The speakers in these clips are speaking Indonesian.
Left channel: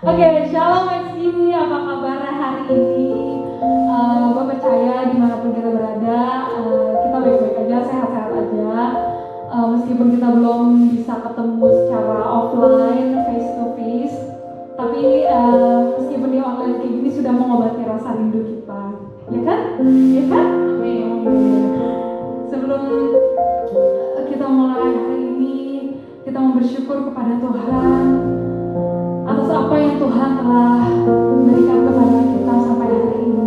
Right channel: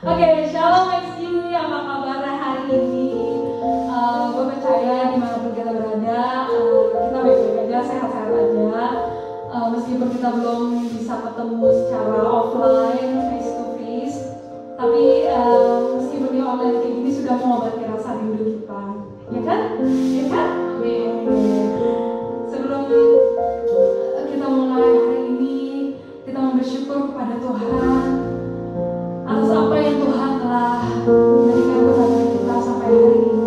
Oke, Shalom Maxi, apa kabarnya hari ini? Gue percaya dimanapun kita berada, kita baik-baik aja, sehat-sehat aja. Meskipun kita belum bisa ketemu secara offline, face to face, tapi meskipun di online kayak gini sudah mengobati rasa rindu kita, ya kan? Ya kan? Amin. Sebelum kita mulai hari ini, kita mau bersyukur kepada Tuhan atas apa yang Tuhan telah memberikan kepada kita sampai hari ini.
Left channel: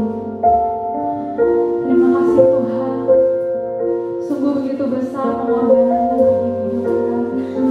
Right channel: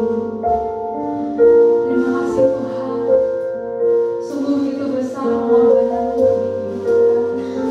Terima kasih Tuhan, sungguh begitu besar pengorbanan Tuhan bagi hidup kita.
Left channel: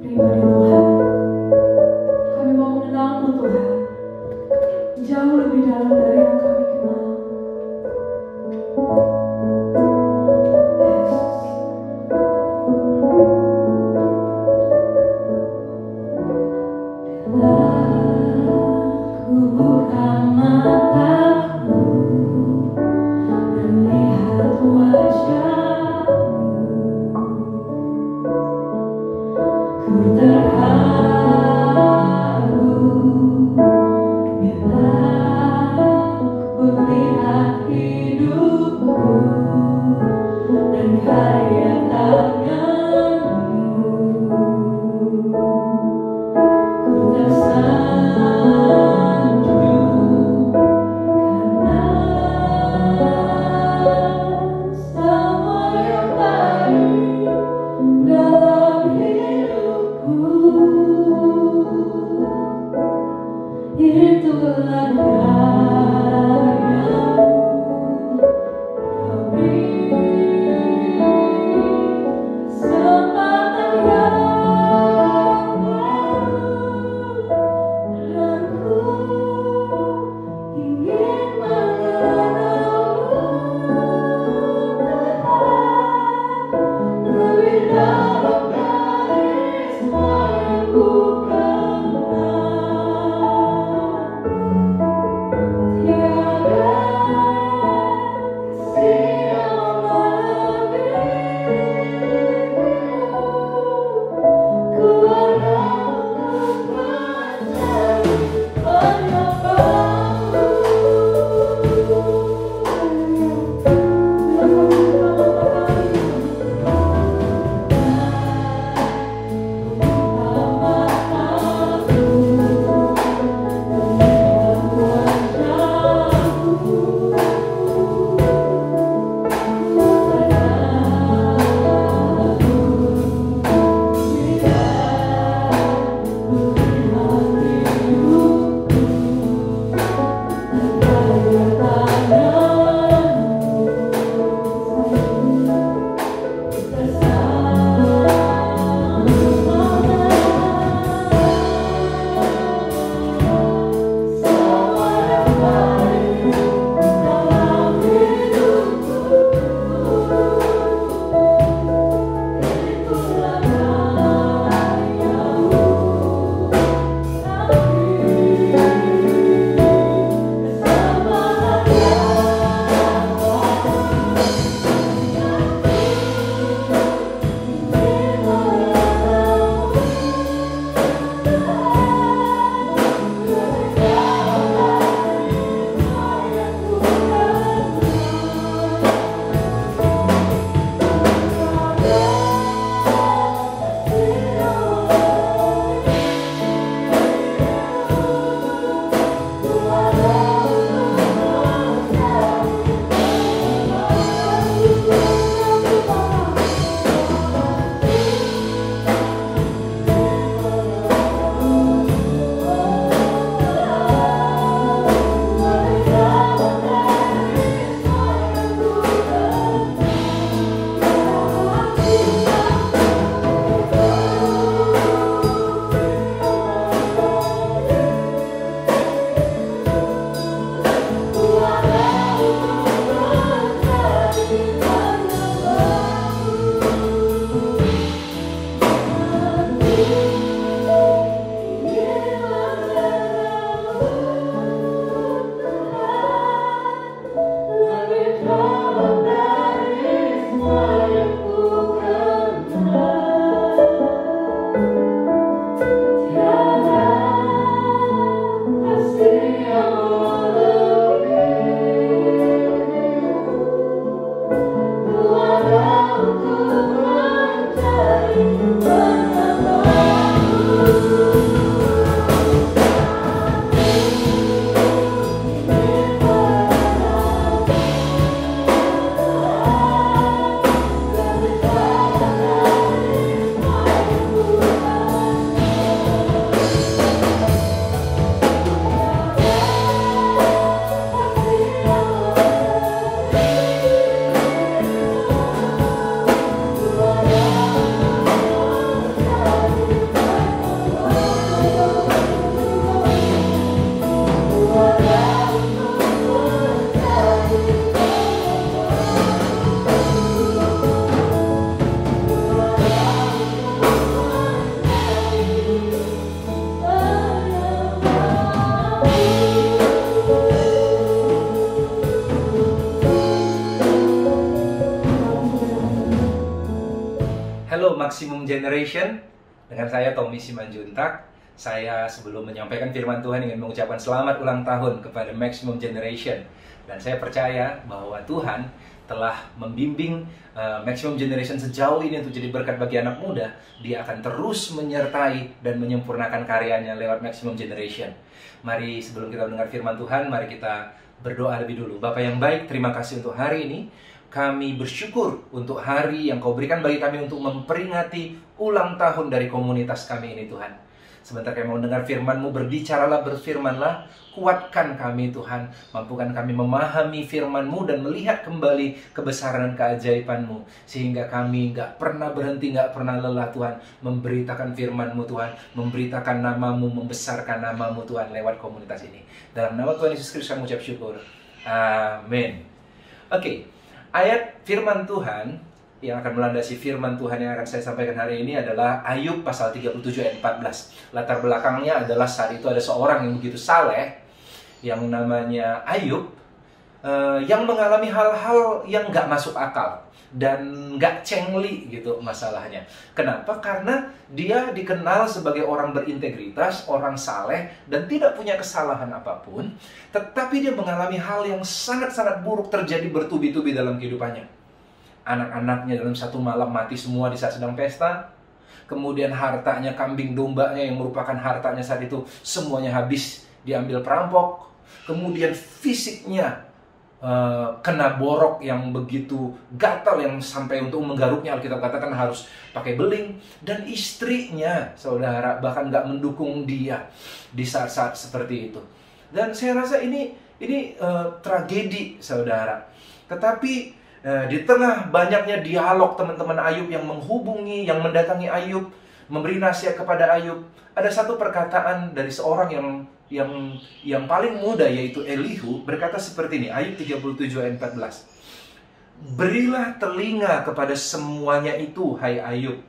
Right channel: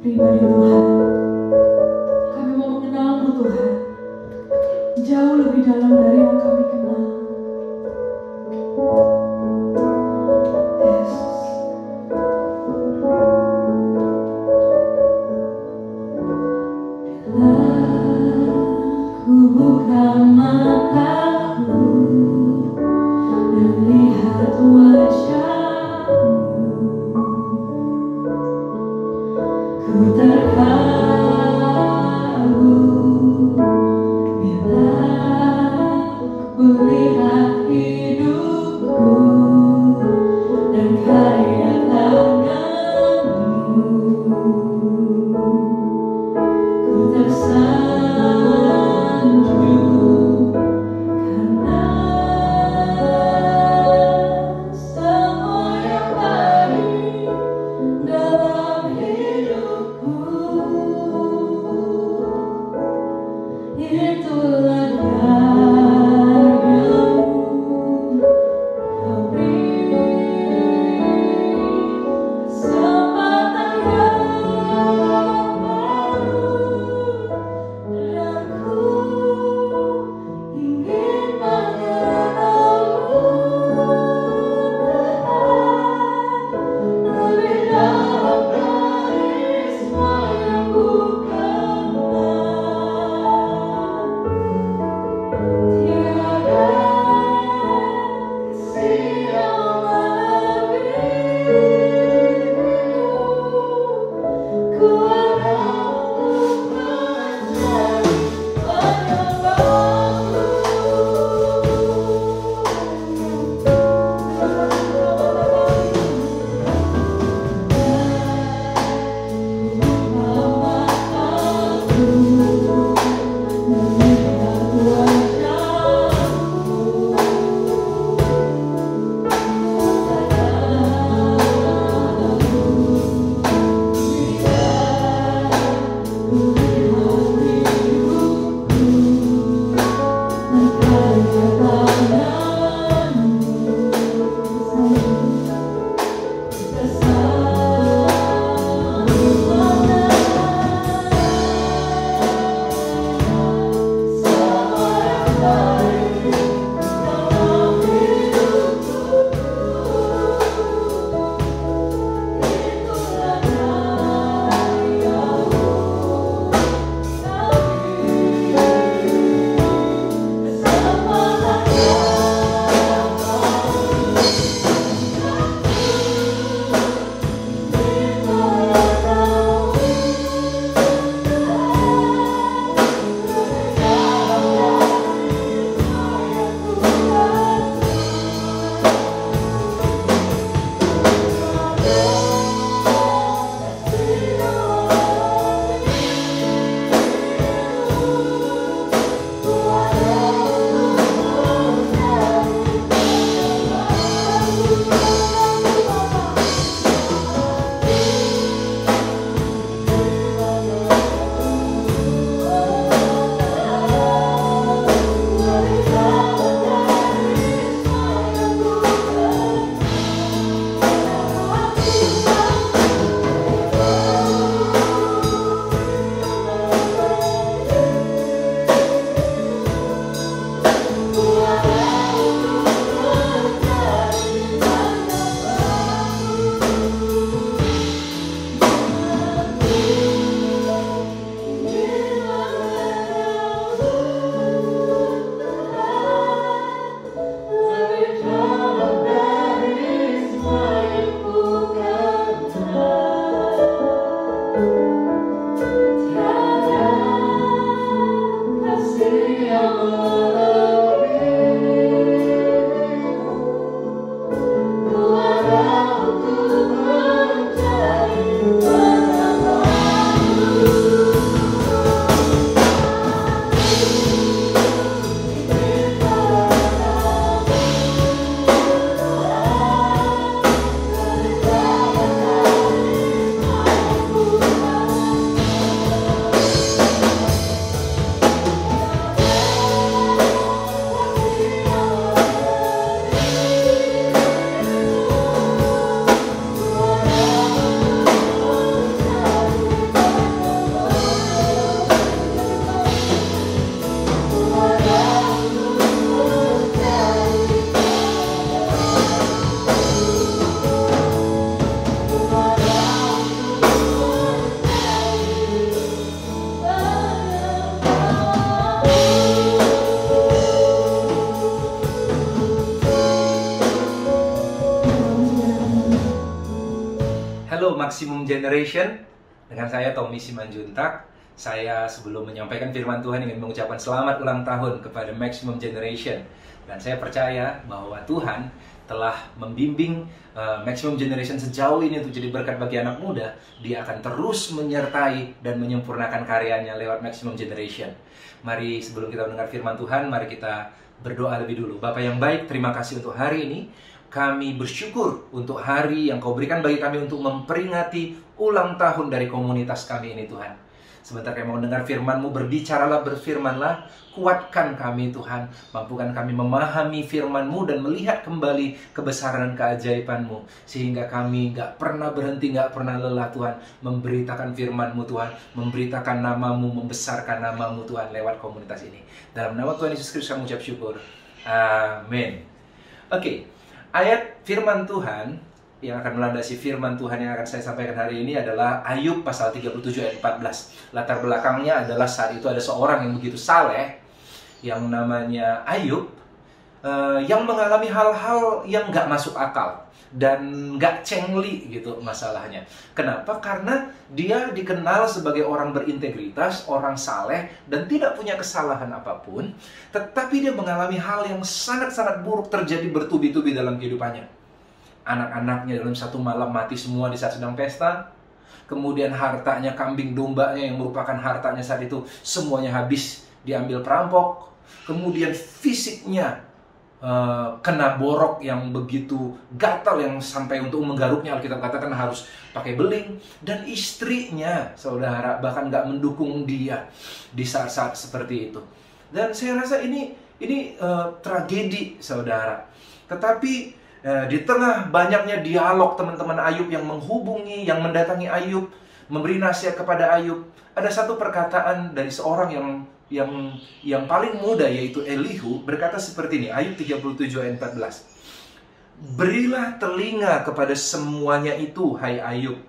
pribadi Tuhan. Kami mau mengenal-Mu Tuhan, jauh lebih dalam dari yang kami kenal. Ku buka mataku dan lihat wajah-Mu, ku terkagum bila ku lihat hidupku dan karya tangan-Mu. Ku tersanjung karena semua yang baik dalam hidupku. Hello Maximum Generation, dengan saya Tommy Simanjuntak. Saya sebelum menyampaikan firman Tuhan ingin mengucapkan selamat ulang tahun kepada Maximum Generation. Dan saya percaya bahwa Tuhan telah membimbing Maximum Generation sejauh ini untuk jadi berkat bagi anak muda. Dia akan terus menyertai dan menyempurnakan karyanya lewat Maximum Generation. Mari sebelum kita mendengar firman Tuhan, mari kita berdoa lebih dulu. Bapa yang baik, terima kasih untuk hari ini. Kami bersyukur untuk hari yang Kau berikan bagi kami untuk memperingati ulang tahun dari komunitas kami ini, Tuhan. Sebentar kami mau dengar firman-Mu, berbicaralah, berfirmanlah, kuatkan kami, Tuhan. Mampukan kami memahami firman-Mu dan melihat kembali kebesaran dan keajaiban-Mu. Sehingga kami gak pernah berhenti, gak pernah lelah, Tuhan, memberitakan firman-Mu, Tuhan. Memberitakan nama-Mu, membesarkan nama-Mu, Tuhan, lewat komunitas ini. Dalam nama Tuhan Yesus Kristus kami ucap syukur. Amin. Oke. Ayat firman Tuhan yang akan melandasi firman Tuhan yang akan saya sampaikan hari ini adalah Ayub pasal 37 ayat 14. Latar belakangnya adalah saat itu ada seorang yang begitu saleh yang namanya Ayub yang mengalami hal-hal yang gak masuk akal dan gak cengli gitu masalahnya. Kenapa? Karena dia dikenal sebagai orang berintegritas, orang saleh, dan tidak punya kesalahan apapun. Tetapi dia mengalami hal yang sangat-sangat buruk terjadi bertubi-tubi dalam kehidupannya. Anak-anaknya dalam satu malam mati semua di saat sedang pesta. Kemudian hartanya, kambing dombanya yang merupakan hartanya saat itu, semuanya habis diambil perampok. Kemudian fisiknya kena borok yang begitu gatal, yang sampai untuk menggaruknya Alkitab katakan harus pakai beling. Dan istrinya, saudara, bahkan gak mendukung dia di saat-saat seperti itu. Dan saya rasa ini tragedi, saudara. Tetapi di tengah banyaknya dialog teman-teman Ayub yang menghubungi, yang mendatangi Ayub, memberi nasihat kepada Ayub, ada satu perkataan dari seorang yang paling muda, yaitu Elihu, berkata seperti ini. Ayub 37 ayat 14. Berilah telinga kepada semuanya itu, hai Ayub.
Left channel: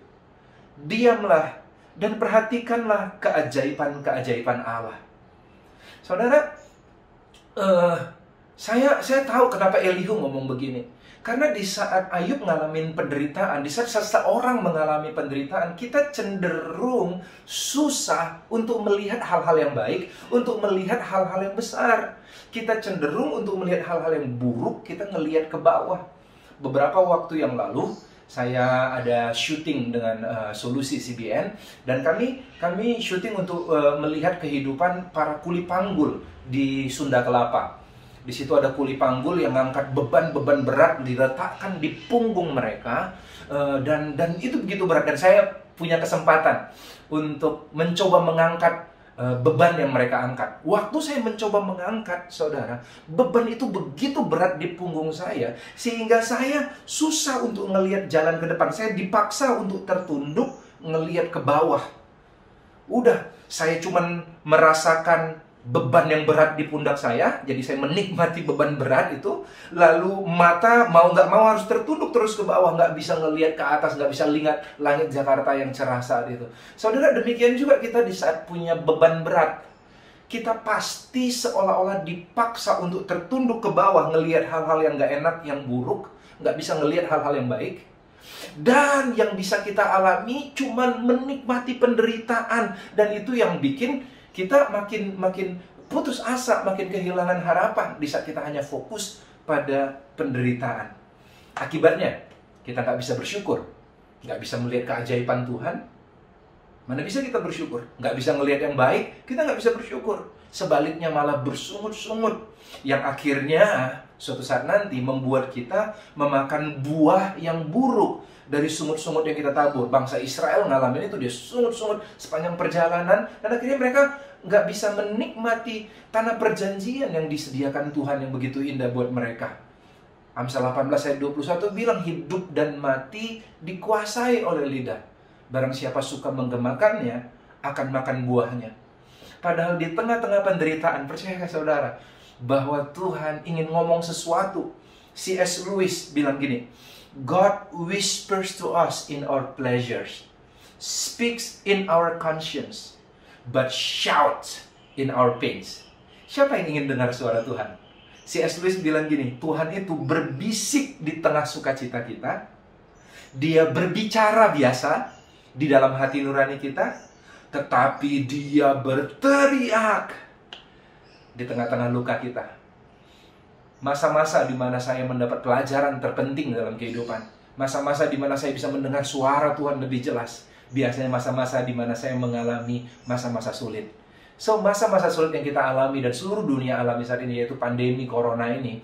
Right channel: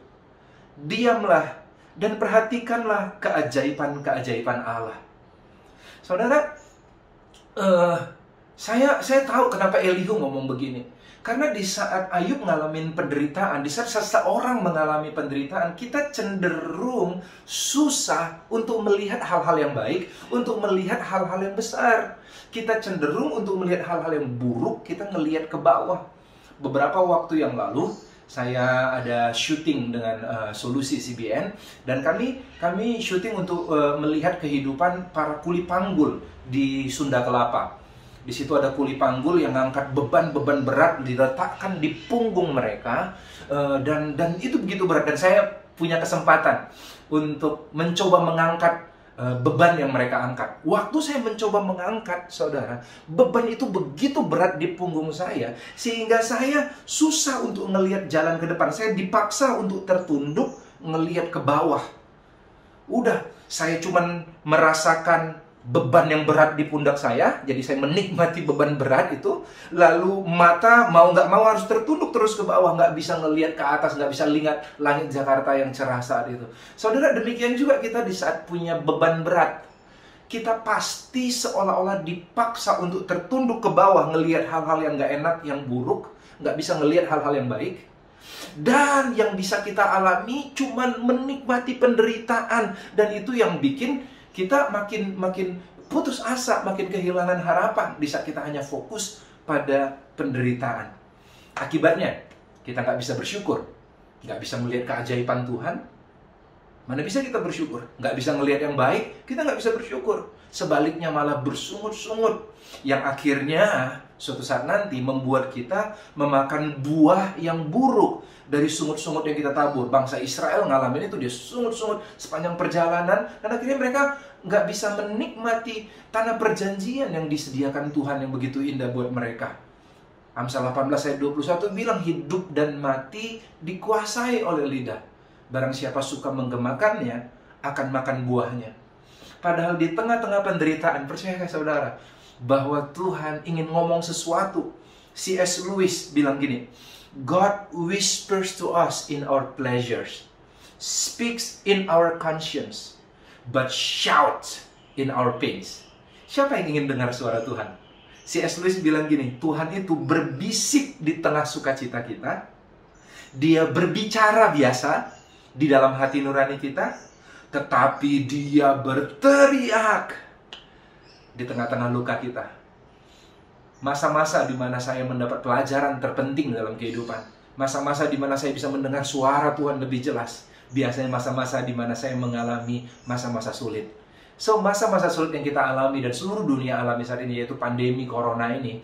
Diamlah dan perhatikanlah keajaiban-keajaiban Allah. Saudara, saya tahu kenapa Elihu ngomong begini. Karena di saat Ayub ngalamin penderitaan, di saat seseorang mengalami penderitaan, kita cenderung susah untuk melihat hal-hal yang baik, untuk melihat hal-hal yang besar. Kita cenderung untuk melihat hal-hal yang buruk, kita ngelihat ke bawah. Beberapa waktu yang lalu, saya ada syuting dengan Solusi CBN, dan kami syuting untuk melihat kehidupan para kuli panggul di Sunda Kelapa. Di situ ada kuli panggul yang ngangkat beban-beban berat diletakkan di punggung mereka, dan itu begitu berat. Dan saya punya kesempatan untuk mencoba mengangkat beban yang mereka angkat. Waktu saya mencoba mengangkat, saudara, beban itu begitu berat di punggung saya sehingga saya susah untuk ngelihat jalan ke depan. Saya dipaksa untuk tertunduk ngelihat ke bawah. Udah, saya cuman merasakan beban yang berat di pundak saya, jadi saya menikmati beban berat itu. Lalu mata mau nggak mau harus tertunduk terus ke bawah, nggak bisa ngelihat ke atas, nggak bisa lihat langit Jakarta yang cerah saat itu. Saudara, demikian juga kita di saat punya beban berat, kita pasti seolah-olah dipaksa untuk tertunduk ke bawah, ngelihat hal-hal yang nggak enak, yang buruk, nggak bisa ngelihat hal-hal yang baik. Dan yang bisa kita alami cuman menikmati penderitaan, dan itu yang bikin kita makin putus asa, makin kehilangan harapan di saat kita hanya fokus pada penderitaan. Akibatnya, kita nggak bisa bersyukur, nggak bisa melihat keajaiban Tuhan. Mana bisa kita bersyukur? Nggak bisa ngelihat yang baik, kita nggak bisa bersyukur. Sebaliknya malah bersungut-sungut, yang akhirnya suatu saat nanti membuat kita memakan buah yang buruk dari sungut-sungut yang kita tabur. Bangsa Israel ngalamin itu, dia sungut-sungut sepanjang perjalanan, dan akhirnya mereka nggak bisa menikmati tanah perjanjian yang disediakan Tuhan yang begitu indah buat mereka. Amsal 18 ayat 21 bilang, hidup dan mati dikuasai oleh lidah. Barang siapa suka menggemakannya akan makan buahnya. Padahal di tengah-tengah penderitaan, percayakah saudara bahwa Tuhan ingin ngomong sesuatu? C.S. Lewis bilang gini, God whispers to us in our pleasures, speaks in our conscience, but shouts in our pains. Siapa yang ingin dengar suara Tuhan? C.S. Lewis bilang gini, Tuhan itu berbisik di tengah sukacita kita, Dia berbicara biasa di dalam hati nurani kita, tetapi dia berteriak di tengah-tengah luka kita. Masa-masa di mana saya mendapat pelajaran terpenting dalam kehidupan. Masa-masa di mana saya bisa mendengar suara Tuhan lebih jelas. Biasanya masa-masa di mana saya mengalami masa-masa sulit. So, masa-masa sulit yang kita alami dan seluruh dunia alami saat ini, yaitu pandemi corona ini,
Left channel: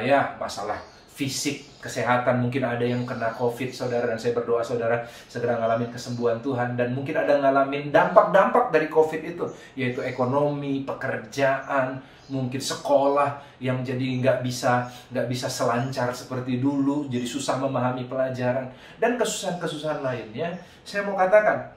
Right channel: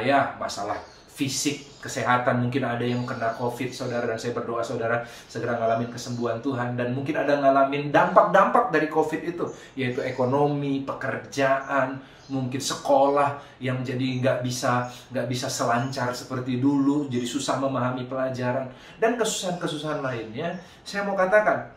ya, masalah fisik, kesehatan, mungkin ada yang kena COVID, saudara, dan saya berdoa saudara segera ngalamin kesembuhan Tuhan, dan mungkin ada ngalamin dampak-dampak dari COVID itu, yaitu ekonomi, pekerjaan, mungkin sekolah yang jadi nggak bisa selancar seperti dulu, jadi susah memahami pelajaran, dan kesusahan-kesusahan lainnya. Saya mau katakan,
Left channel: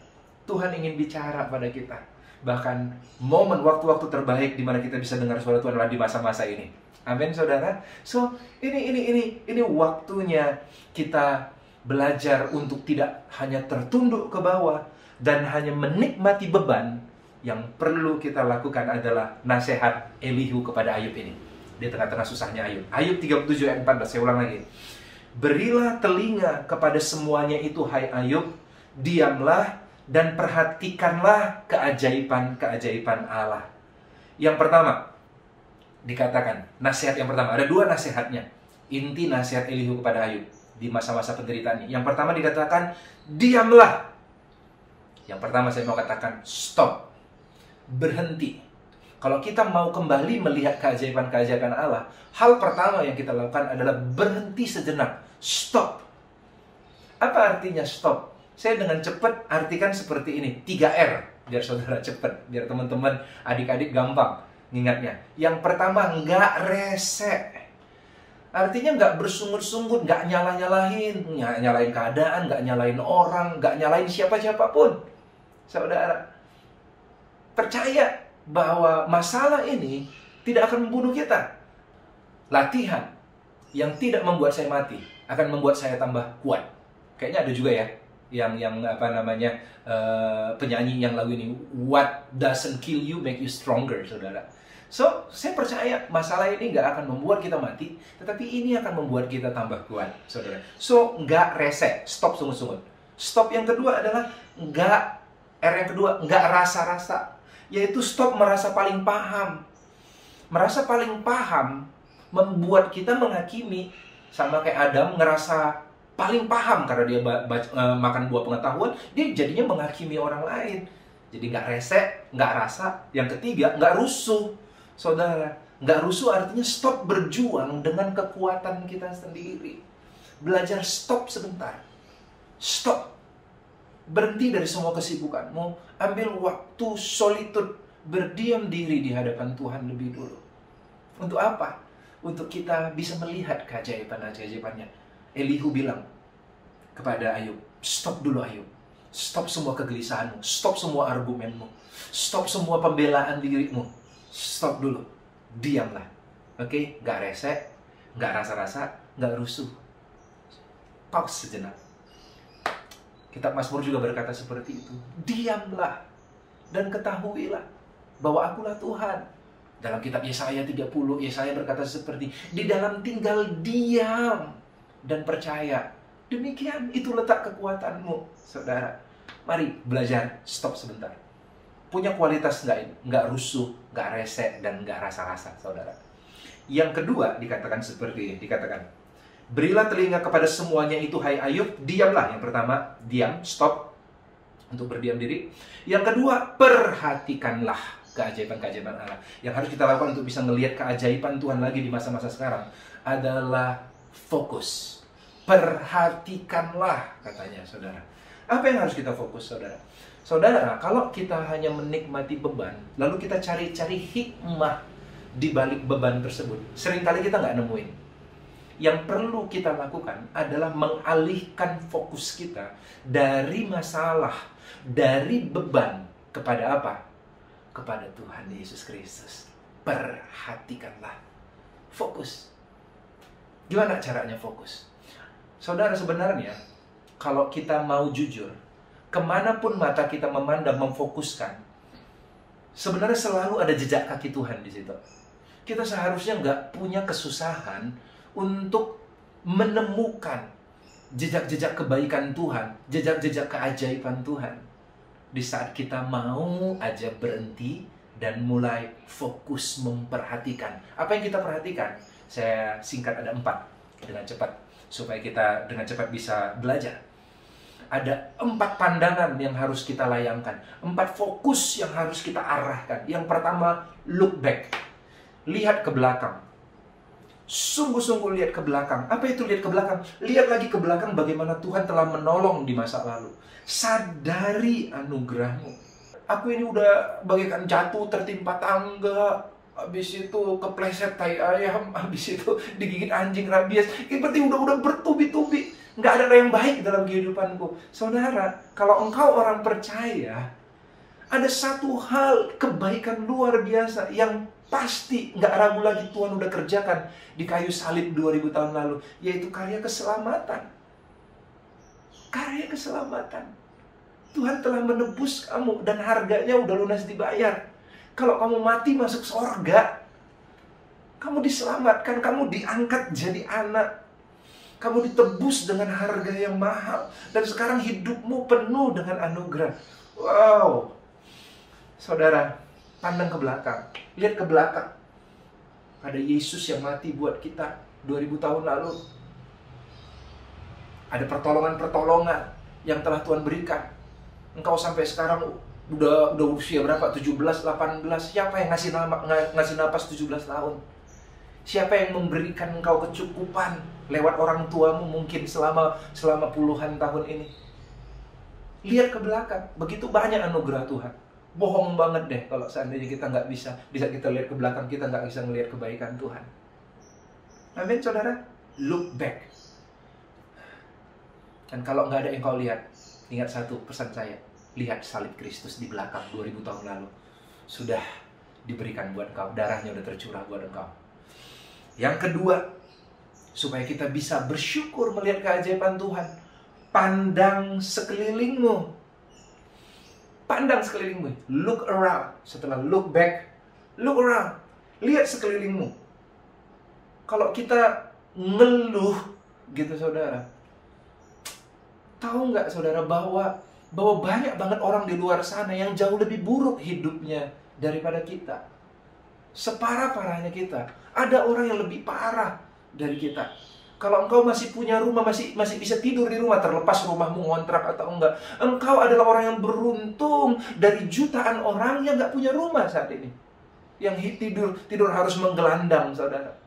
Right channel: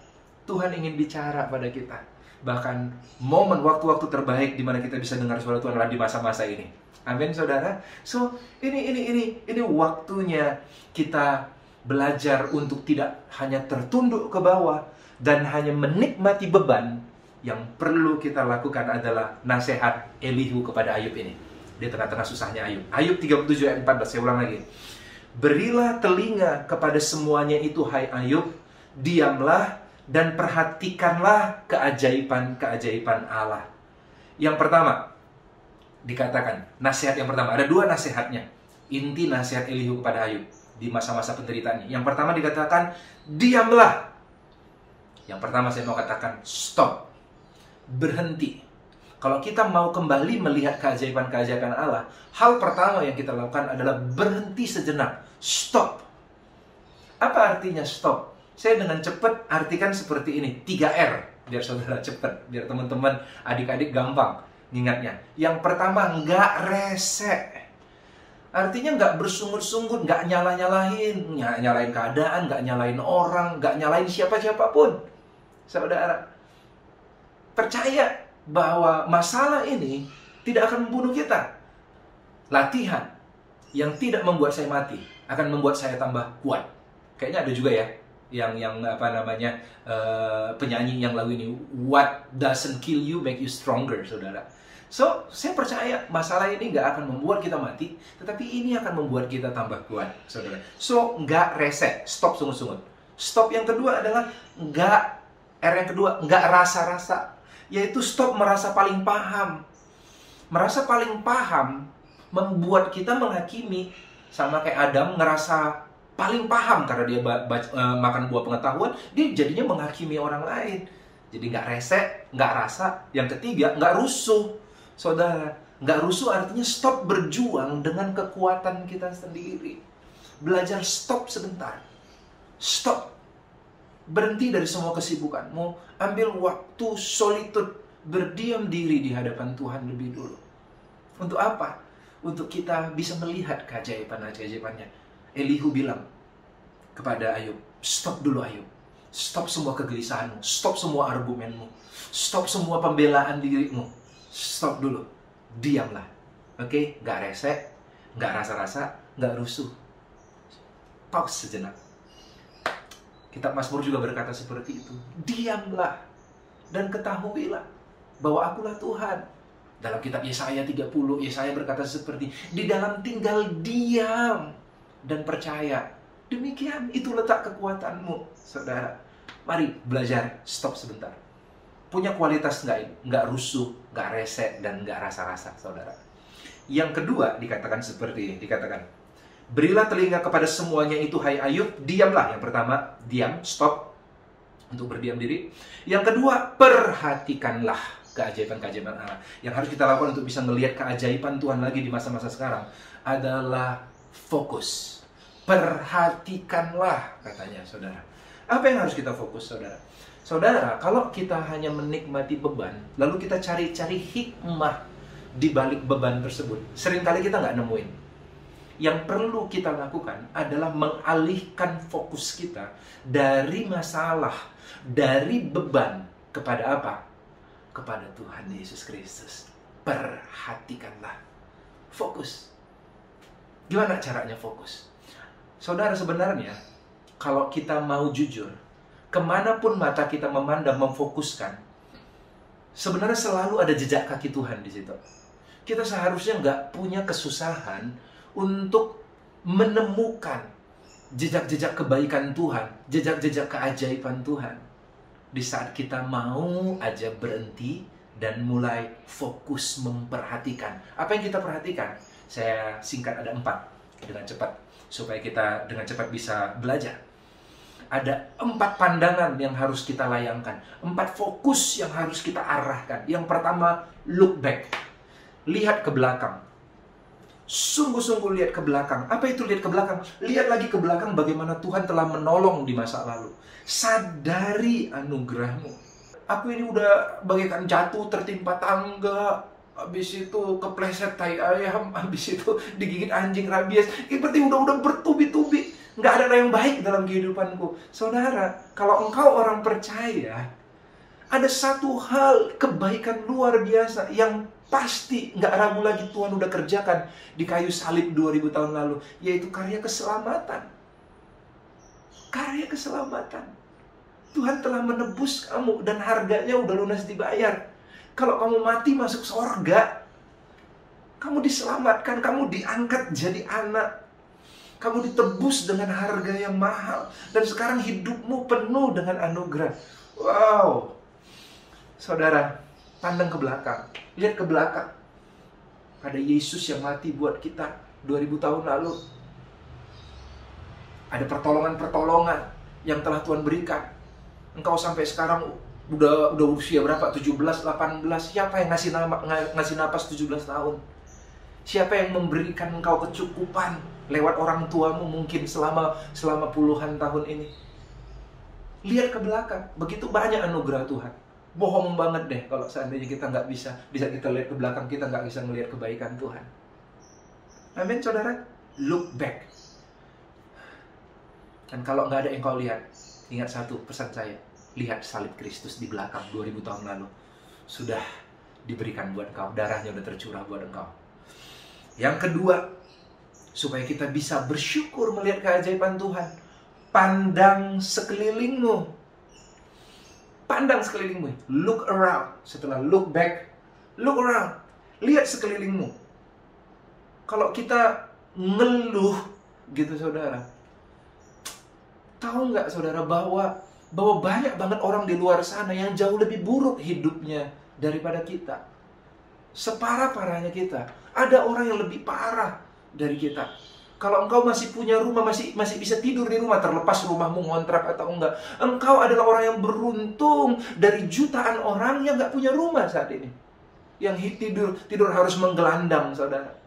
Tuhan ingin bicara pada kita. Bahkan momen waktu-waktu terbaik di mana kita bisa dengar suara Tuhan adalah di masa-masa ini. Amin, saudara. So, ini waktunya kita belajar untuk tidak hanya tertunduk ke bawah dan hanya menikmati beban. Yang perlu kita lakukan adalah nasihat Elihu kepada Ayub ini. Di tengah-tengah susahnya Ayub. Ayub 37 ayat 14, saya ulang lagi. Berilah telinga kepada semuanya itu, hai Ayub, diamlah dan perhatikanlah keajaiban-keajaiban Allah. Yang pertama, dikatakan, nasihat yang pertama, ada dua nasihatnya. Inti nasihat Elihu kepada Ayub di masa-masa penderitaan ini. Yang pertama dikatakan, diamlah. Yang pertama saya mau katakan, stop. Berhenti. Kalau kita mau kembali melihat keajaiban-keajaiban Allah, hal pertama yang kita lakukan adalah berhenti sejenak. Stop. Apa artinya stop? Saya dengan cepat artikan seperti ini, 3R, biar saudara cepat, biar teman-teman, adik-adik gampang ingatnya. Yang pertama, nggak rese. Artinya nggak bersungut-sungut, nggak nyalain keadaan, nggak nyalain orang, nggak nyalain siapa-siapapun. Saudara, percaya bahwa masalah ini tidak akan membunuh kita. Latihan yang tidak membuat saya mati akan membuat saya tambah kuat. Kayaknya ada juga ya yang penyanyi yang lagu ini, what doesn't kill you make you stronger, saudara. So, saya percaya masalah ini nggak akan membuat kita mati, tetapi ini akan membuat kita tambah kuat, saudara. So, nggak rese, stop sungut-sungut. Stop yang kedua adalah nggak rasa-rasa, yaitu stop merasa paling paham. Merasa paling paham membuat kita menghakimi, sama kayak Adam ngerasa paling paham karena dia makan buah pengetahuan, dia jadinya menghakimi orang lain. Jadi nggak rese, nggak rasa. Yang ketiga, nggak rusuh. Saudara, nggak rusuh artinya stop berjuang dengan kekuatan kita sendiri. Belajar stop sebentar. Stop. Berhenti dari semua kesibukanmu. Ambil waktu solitude, berdiam diri di hadapan Tuhan lebih dulu. Untuk apa? Untuk kita bisa melihat keajaiban-keajaibannya. Elihu bilang kepada Ayub, stop dulu Ayub. Stop semua kegelisahanmu. Stop semua argumenmu. Stop semua pembelaan dirimu. Stop dulu. Diamlah. Oke? Nggak rese, nggak rasa-rasa, nggak rusuh. Pause sejenak. Kitab Mazmur juga berkata seperti itu. Diamlah dan ketahuilah bahwa akulah Tuhan. Dalam kitab Yesaya 30, Yesaya berkata seperti, di dalam tinggal diam dan percaya. Demikian itu letak kekuatanmu, saudara. Mari belajar stop sebentar. Punya kualitas nggak rusuh, nggak rese, dan nggak rasa-rasa, saudara. Yang kedua dikatakan seperti ini, dikatakan, berilah telinga kepada semuanya itu, hai Ayub, diamlah. Yang pertama, diam, stop, untuk berdiam diri. Yang kedua, perhatikanlah keajaiban-keajaiban Allah. Yang harus kita lakukan untuk bisa melihat keajaiban Tuhan lagi di masa-masa sekarang adalah fokus. Perhatikanlah, katanya, saudara. Apa yang harus kita fokus, saudara? Saudara, kalau kita hanya menikmati beban, lalu kita cari-cari hikmah di balik beban tersebut, seringkali kita nggak nemuin. Yang perlu kita lakukan adalah mengalihkan fokus kita dari masalah, dari beban, kepada apa? Kepada Tuhan Yesus Kristus. Perhatikanlah. Fokus. Gimana caranya fokus? Saudara, sebenarnya kalau kita mau jujur, kemanapun mata kita memandang, memfokuskan, sebenarnya selalu ada jejak kaki Tuhan di situ. Kita seharusnya nggak punya kesusahan untuk menemukan jejak-jejak kebaikan Tuhan, jejak-jejak keajaiban Tuhan. Di saat kita mau aja berhenti dan mulai fokus memperhatikan. Apa yang kita perhatikan? Saya singkat ada 4 dengan cepat, supaya kita dengan cepat bisa belajar. Ada 4 pandangan yang harus kita layangkan, 4 fokus yang harus kita arahkan. Yang pertama, look back. Lihat ke belakang. Sungguh-sungguh lihat ke belakang. Apa itu lihat ke belakang? Lihat lagi ke belakang bagaimana Tuhan telah menolong di masa lalu. Sadari anugerahmu. Aku ini udah bagaikan jatuh tertimpa tangga, habis itu kepleset tai ayam, habis itu digigit anjing rabies. Berarti udah bertubi-tubi. Nggak ada yang baik dalam kehidupanku. Saudara, kalau engkau orang percaya, ada satu hal kebaikan luar biasa yang pasti nggak ragu lagi Tuhan udah kerjakan di kayu salib 2000 tahun lalu, yaitu karya keselamatan. Karya keselamatan. Tuhan telah menebus kamu dan harganya udah lunas dibayar. Kalau kamu mati masuk surga, kamu diselamatkan, kamu diangkat jadi anak. Kamu ditebus dengan harga yang mahal. Dan sekarang hidupmu penuh dengan anugerah. Wow. Saudara, pandang ke belakang. Lihat ke belakang. Ada Yesus yang mati buat kita 2000 tahun lalu. Ada pertolongan-pertolongan yang telah Tuhan berikan. Engkau sampai sekarang udah usia berapa? 17, 18. Siapa yang ngasih napas 17 tahun? Siapa yang memberikan engkau kecukupan lewat orang tuamu mungkin selama puluhan tahun ini? Lihat ke belakang, begitu banyak anugerah Tuhan. Bohong banget deh kalau seandainya kita nggak bisa, di saat kita lihat ke belakang kita nggak bisa melihat kebaikan Tuhan. Amin, saudara. Look back. Dan kalau nggak ada yang kau lihat, ingat satu pesan saya. Lihat salib Kristus di belakang 2000 tahun lalu. Sudah diberikan buat engkau, darahnya udah tercurah buat engkau. Yang kedua, supaya kita bisa bersyukur melihat keajaiban Tuhan, pandang sekelilingmu. Pandang sekelilingmu. Look around. Setelah look back, look around. Lihat sekelilingmu. Kalau kita ngeluh gitu saudara, tahu nggak saudara bahwa banyak banget orang di luar sana yang jauh lebih buruk hidupnya daripada kita. Separah-parahnya kita. Ada orang yang lebih parah dari kita. Kalau engkau masih punya rumah, masih bisa tidur di rumah, terlepas rumahmu ngontrak atau enggak, engkau adalah orang yang beruntung dari jutaan orang yang nggak punya rumah saat ini. Yang tidur harus menggelandang, saudara.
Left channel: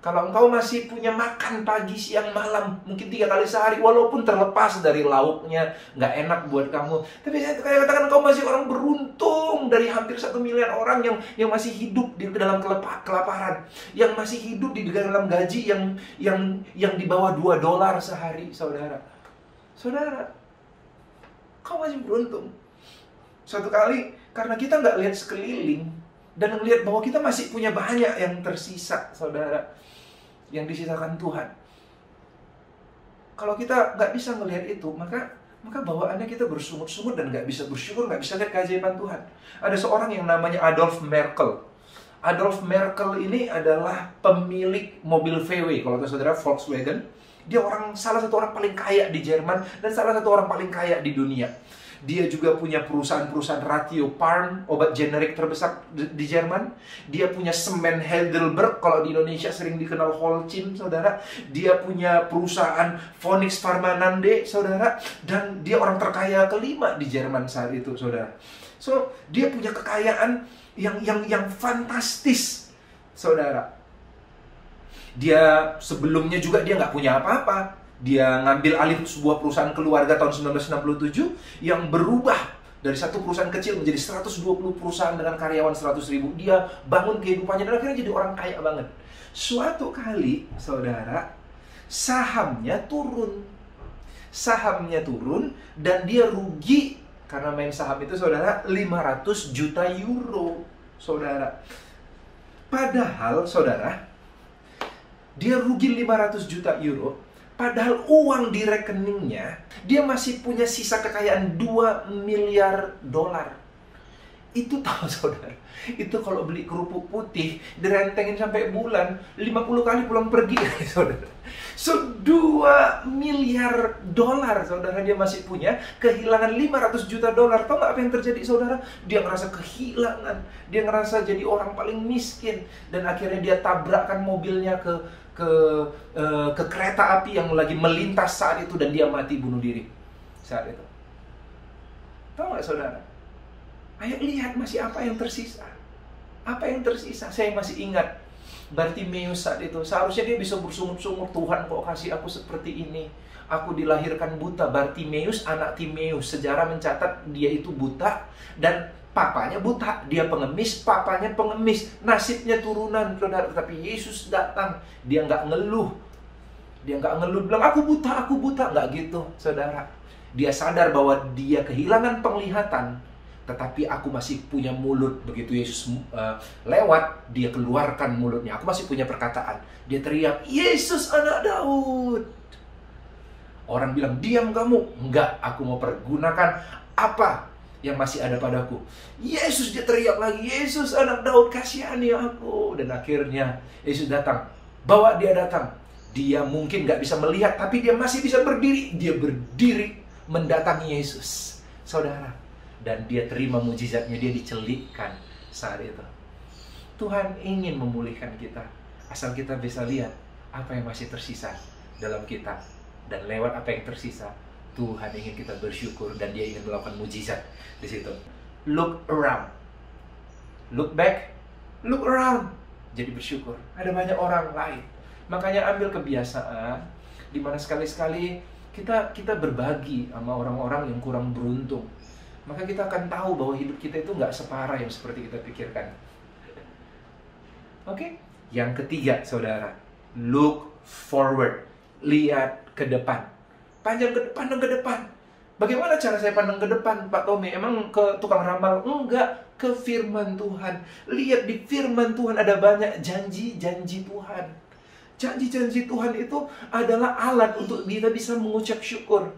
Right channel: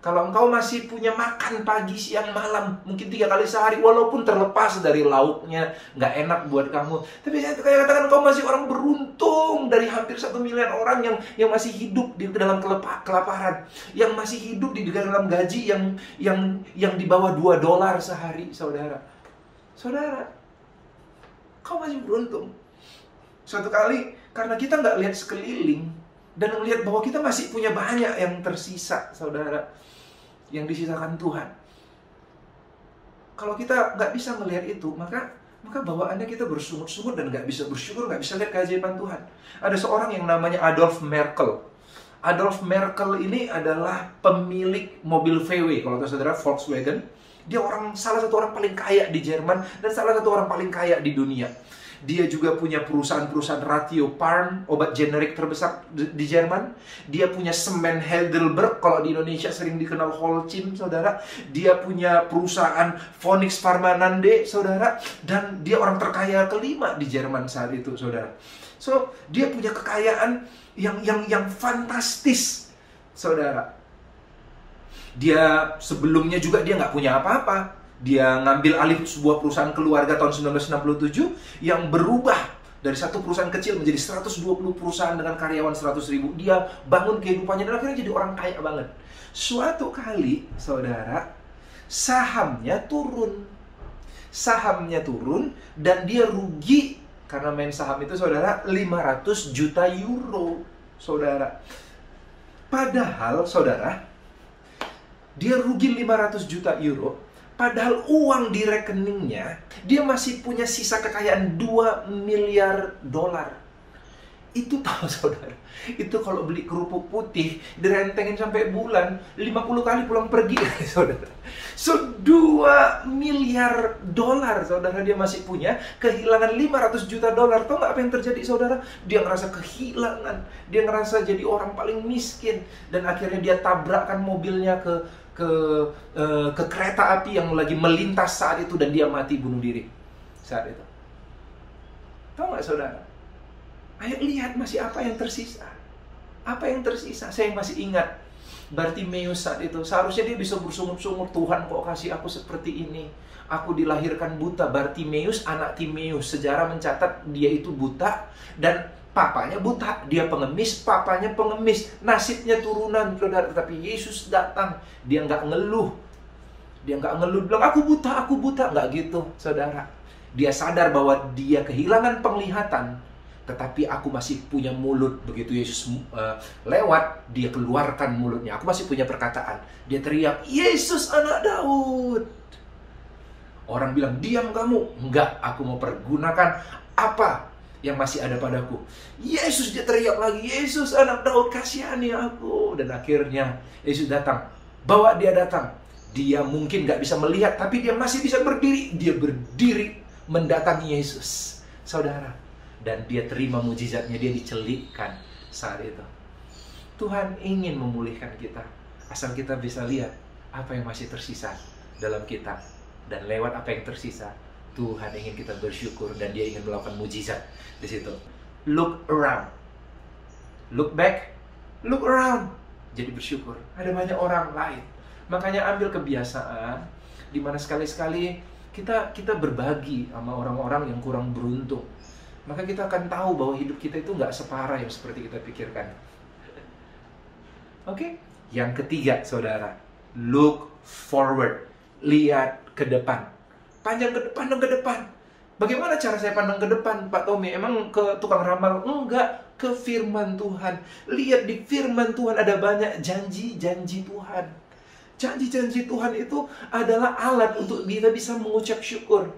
Kalau engkau masih punya makan pagi, siang, malam, mungkin 3 kali sehari, walaupun terlepas dari lauknya, nggak enak buat kamu. Tapi saya katakan engkau masih orang beruntung dari hampir 1 miliar orang yang masih hidup di dalam kelaparan. Yang masih hidup di dalam gaji yang di bawah $2 sehari, saudara. Saudara, kau masih beruntung. Suatu kali, karena kita nggak lihat sekeliling, dan melihat bahwa kita masih punya banyak yang tersisa, saudara, yang disisakan Tuhan. Kalau kita nggak bisa melihat itu, maka bawaannya kita bersungut-sungut dan nggak bisa bersyukur, nggak bisa lihat keajaiban Tuhan. Ada seorang yang namanya Adolf Merkel. Adolf Merkel ini adalah pemilik mobil VW, kalau tahu saudara, Volkswagen. Dia salah satu orang paling kaya di Jerman dan salah satu orang paling kaya di dunia. Dia juga punya perusahaan-perusahaan Ratiofarm, obat generik terbesar di Jerman. Dia punya semen Heidelberg, kalau di Indonesia sering dikenal Holcim, saudara. Dia punya perusahaan Phoenix Pharmanande, saudara. Dan dia orang terkaya kelima di Jerman saat itu, saudara. So, dia punya kekayaan yang fantastis, saudara. Dia sebelumnya juga dia nggak punya apa-apa. Dia ngambil alih sebuah perusahaan keluarga tahun 1967 yang berubah dari satu perusahaan kecil menjadi 120 perusahaan dengan karyawan 100.000. Dia bangun kehidupannya dan akhirnya jadi orang kaya banget. Suatu kali, saudara, sahamnya turun. Sahamnya turun dan dia rugi karena main saham itu, saudara, 500 juta euro, saudara. Padahal, saudara, dia rugi 500 juta euro. Padahal uang di rekeningnya, dia masih punya sisa kekayaan $2 miliar. Itu tahu saudara, itu kalau beli kerupuk putih direntengin sampai bulan 50 kali pulang pergi saudara. So 2 miliar dolar saudara dia masih punya, kehilangan 500 juta dolar. Tahu nggak apa yang terjadi saudara? Dia ngerasa kehilangan, dia ngerasa jadi orang paling miskin, dan akhirnya dia tabrakkan mobilnya ke kereta api yang lagi melintas saat itu, dan dia mati bunuh diri saat itu. Tahu nggak saudara? Ayo lihat masih apa yang tersisa. Apa yang tersisa? Saya masih ingat Bartimeus saat itu. Seharusnya dia bisa bersungut-sungut, Tuhan kok kasih aku seperti ini. Aku dilahirkan buta. Bartimeus anak Timeus. Sejarah mencatat dia itu buta dan papanya buta. Dia pengemis, papanya pengemis. Nasibnya turunan, saudara. Tetapi Yesus datang. Dia nggak ngeluh. Dia nggak ngeluh bilang aku buta. Nggak gitu, saudara. Dia sadar bahwa dia kehilangan penglihatan, tetapi aku masih punya mulut. Begitu Yesus lewat, dia keluarkan mulutnya. Aku masih punya perkataan. Dia teriak, Yesus anak Daud. Orang bilang, diam kamu. Enggak, aku mau pergunakan apa yang masih ada padaku. Yesus, dia teriak lagi, Yesus anak Daud, kasihani aku. Dan akhirnya Yesus datang. Bawa dia datang. Dia mungkin nggak bisa melihat, tapi dia masih bisa berdiri. Dia berdiri mendatangi Yesus, saudara. Dan dia terima mujizatnya, dia dicelikkan saat itu. Tuhan ingin memulihkan kita, asal kita bisa lihat apa yang masih tersisa dalam kita. Dan lewat apa yang tersisa, Tuhan ingin kita bersyukur, dan dia ingin melakukan mujizat di situ. Look around. Look back, look around. Jadi bersyukur. Ada banyak orang lain. Makanya ambil kebiasaan di mana sekali-sekali kita berbagi sama orang-orang yang kurang beruntung. Maka kita akan tahu bahwa hidup kita itu nggak separah yang seperti kita pikirkan. Oke? Yang ketiga, saudara, look forward. Lihat ke depan. Pandang ke depan. Bagaimana cara saya pandang ke depan, Pak Tommy? Emang ke tukang ramal? Enggak, ke firman Tuhan. Lihat di firman Tuhan ada banyak janji-janji Tuhan. Janji-janji Tuhan itu adalah alat untuk kita bisa mengucap syukur.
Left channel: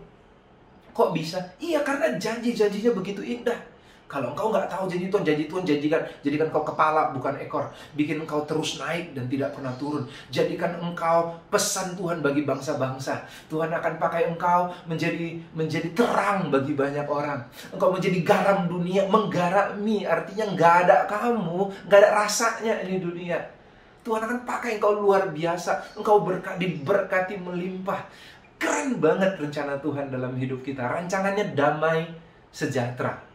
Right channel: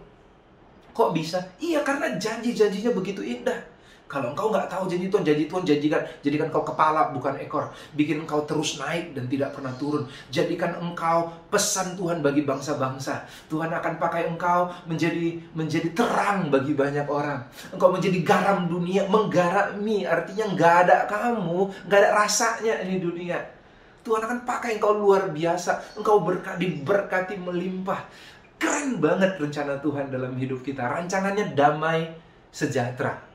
Kok bisa? Iya, karena janji-janjinya begitu indah. Kalau engkau nggak tahu janji Tuhan jadikan kau kepala bukan ekor. Bikin engkau terus naik dan tidak pernah turun. Jadikan engkau pesan Tuhan bagi bangsa-bangsa. Tuhan akan pakai engkau menjadi terang bagi banyak orang. Engkau menjadi garam dunia, menggarami. Artinya nggak ada kamu, nggak ada rasanya ini dunia. Tuhan akan pakai engkau luar biasa. Engkau diberkati melimpah. Keren banget rencana Tuhan dalam hidup kita. Rancangannya damai sejahtera.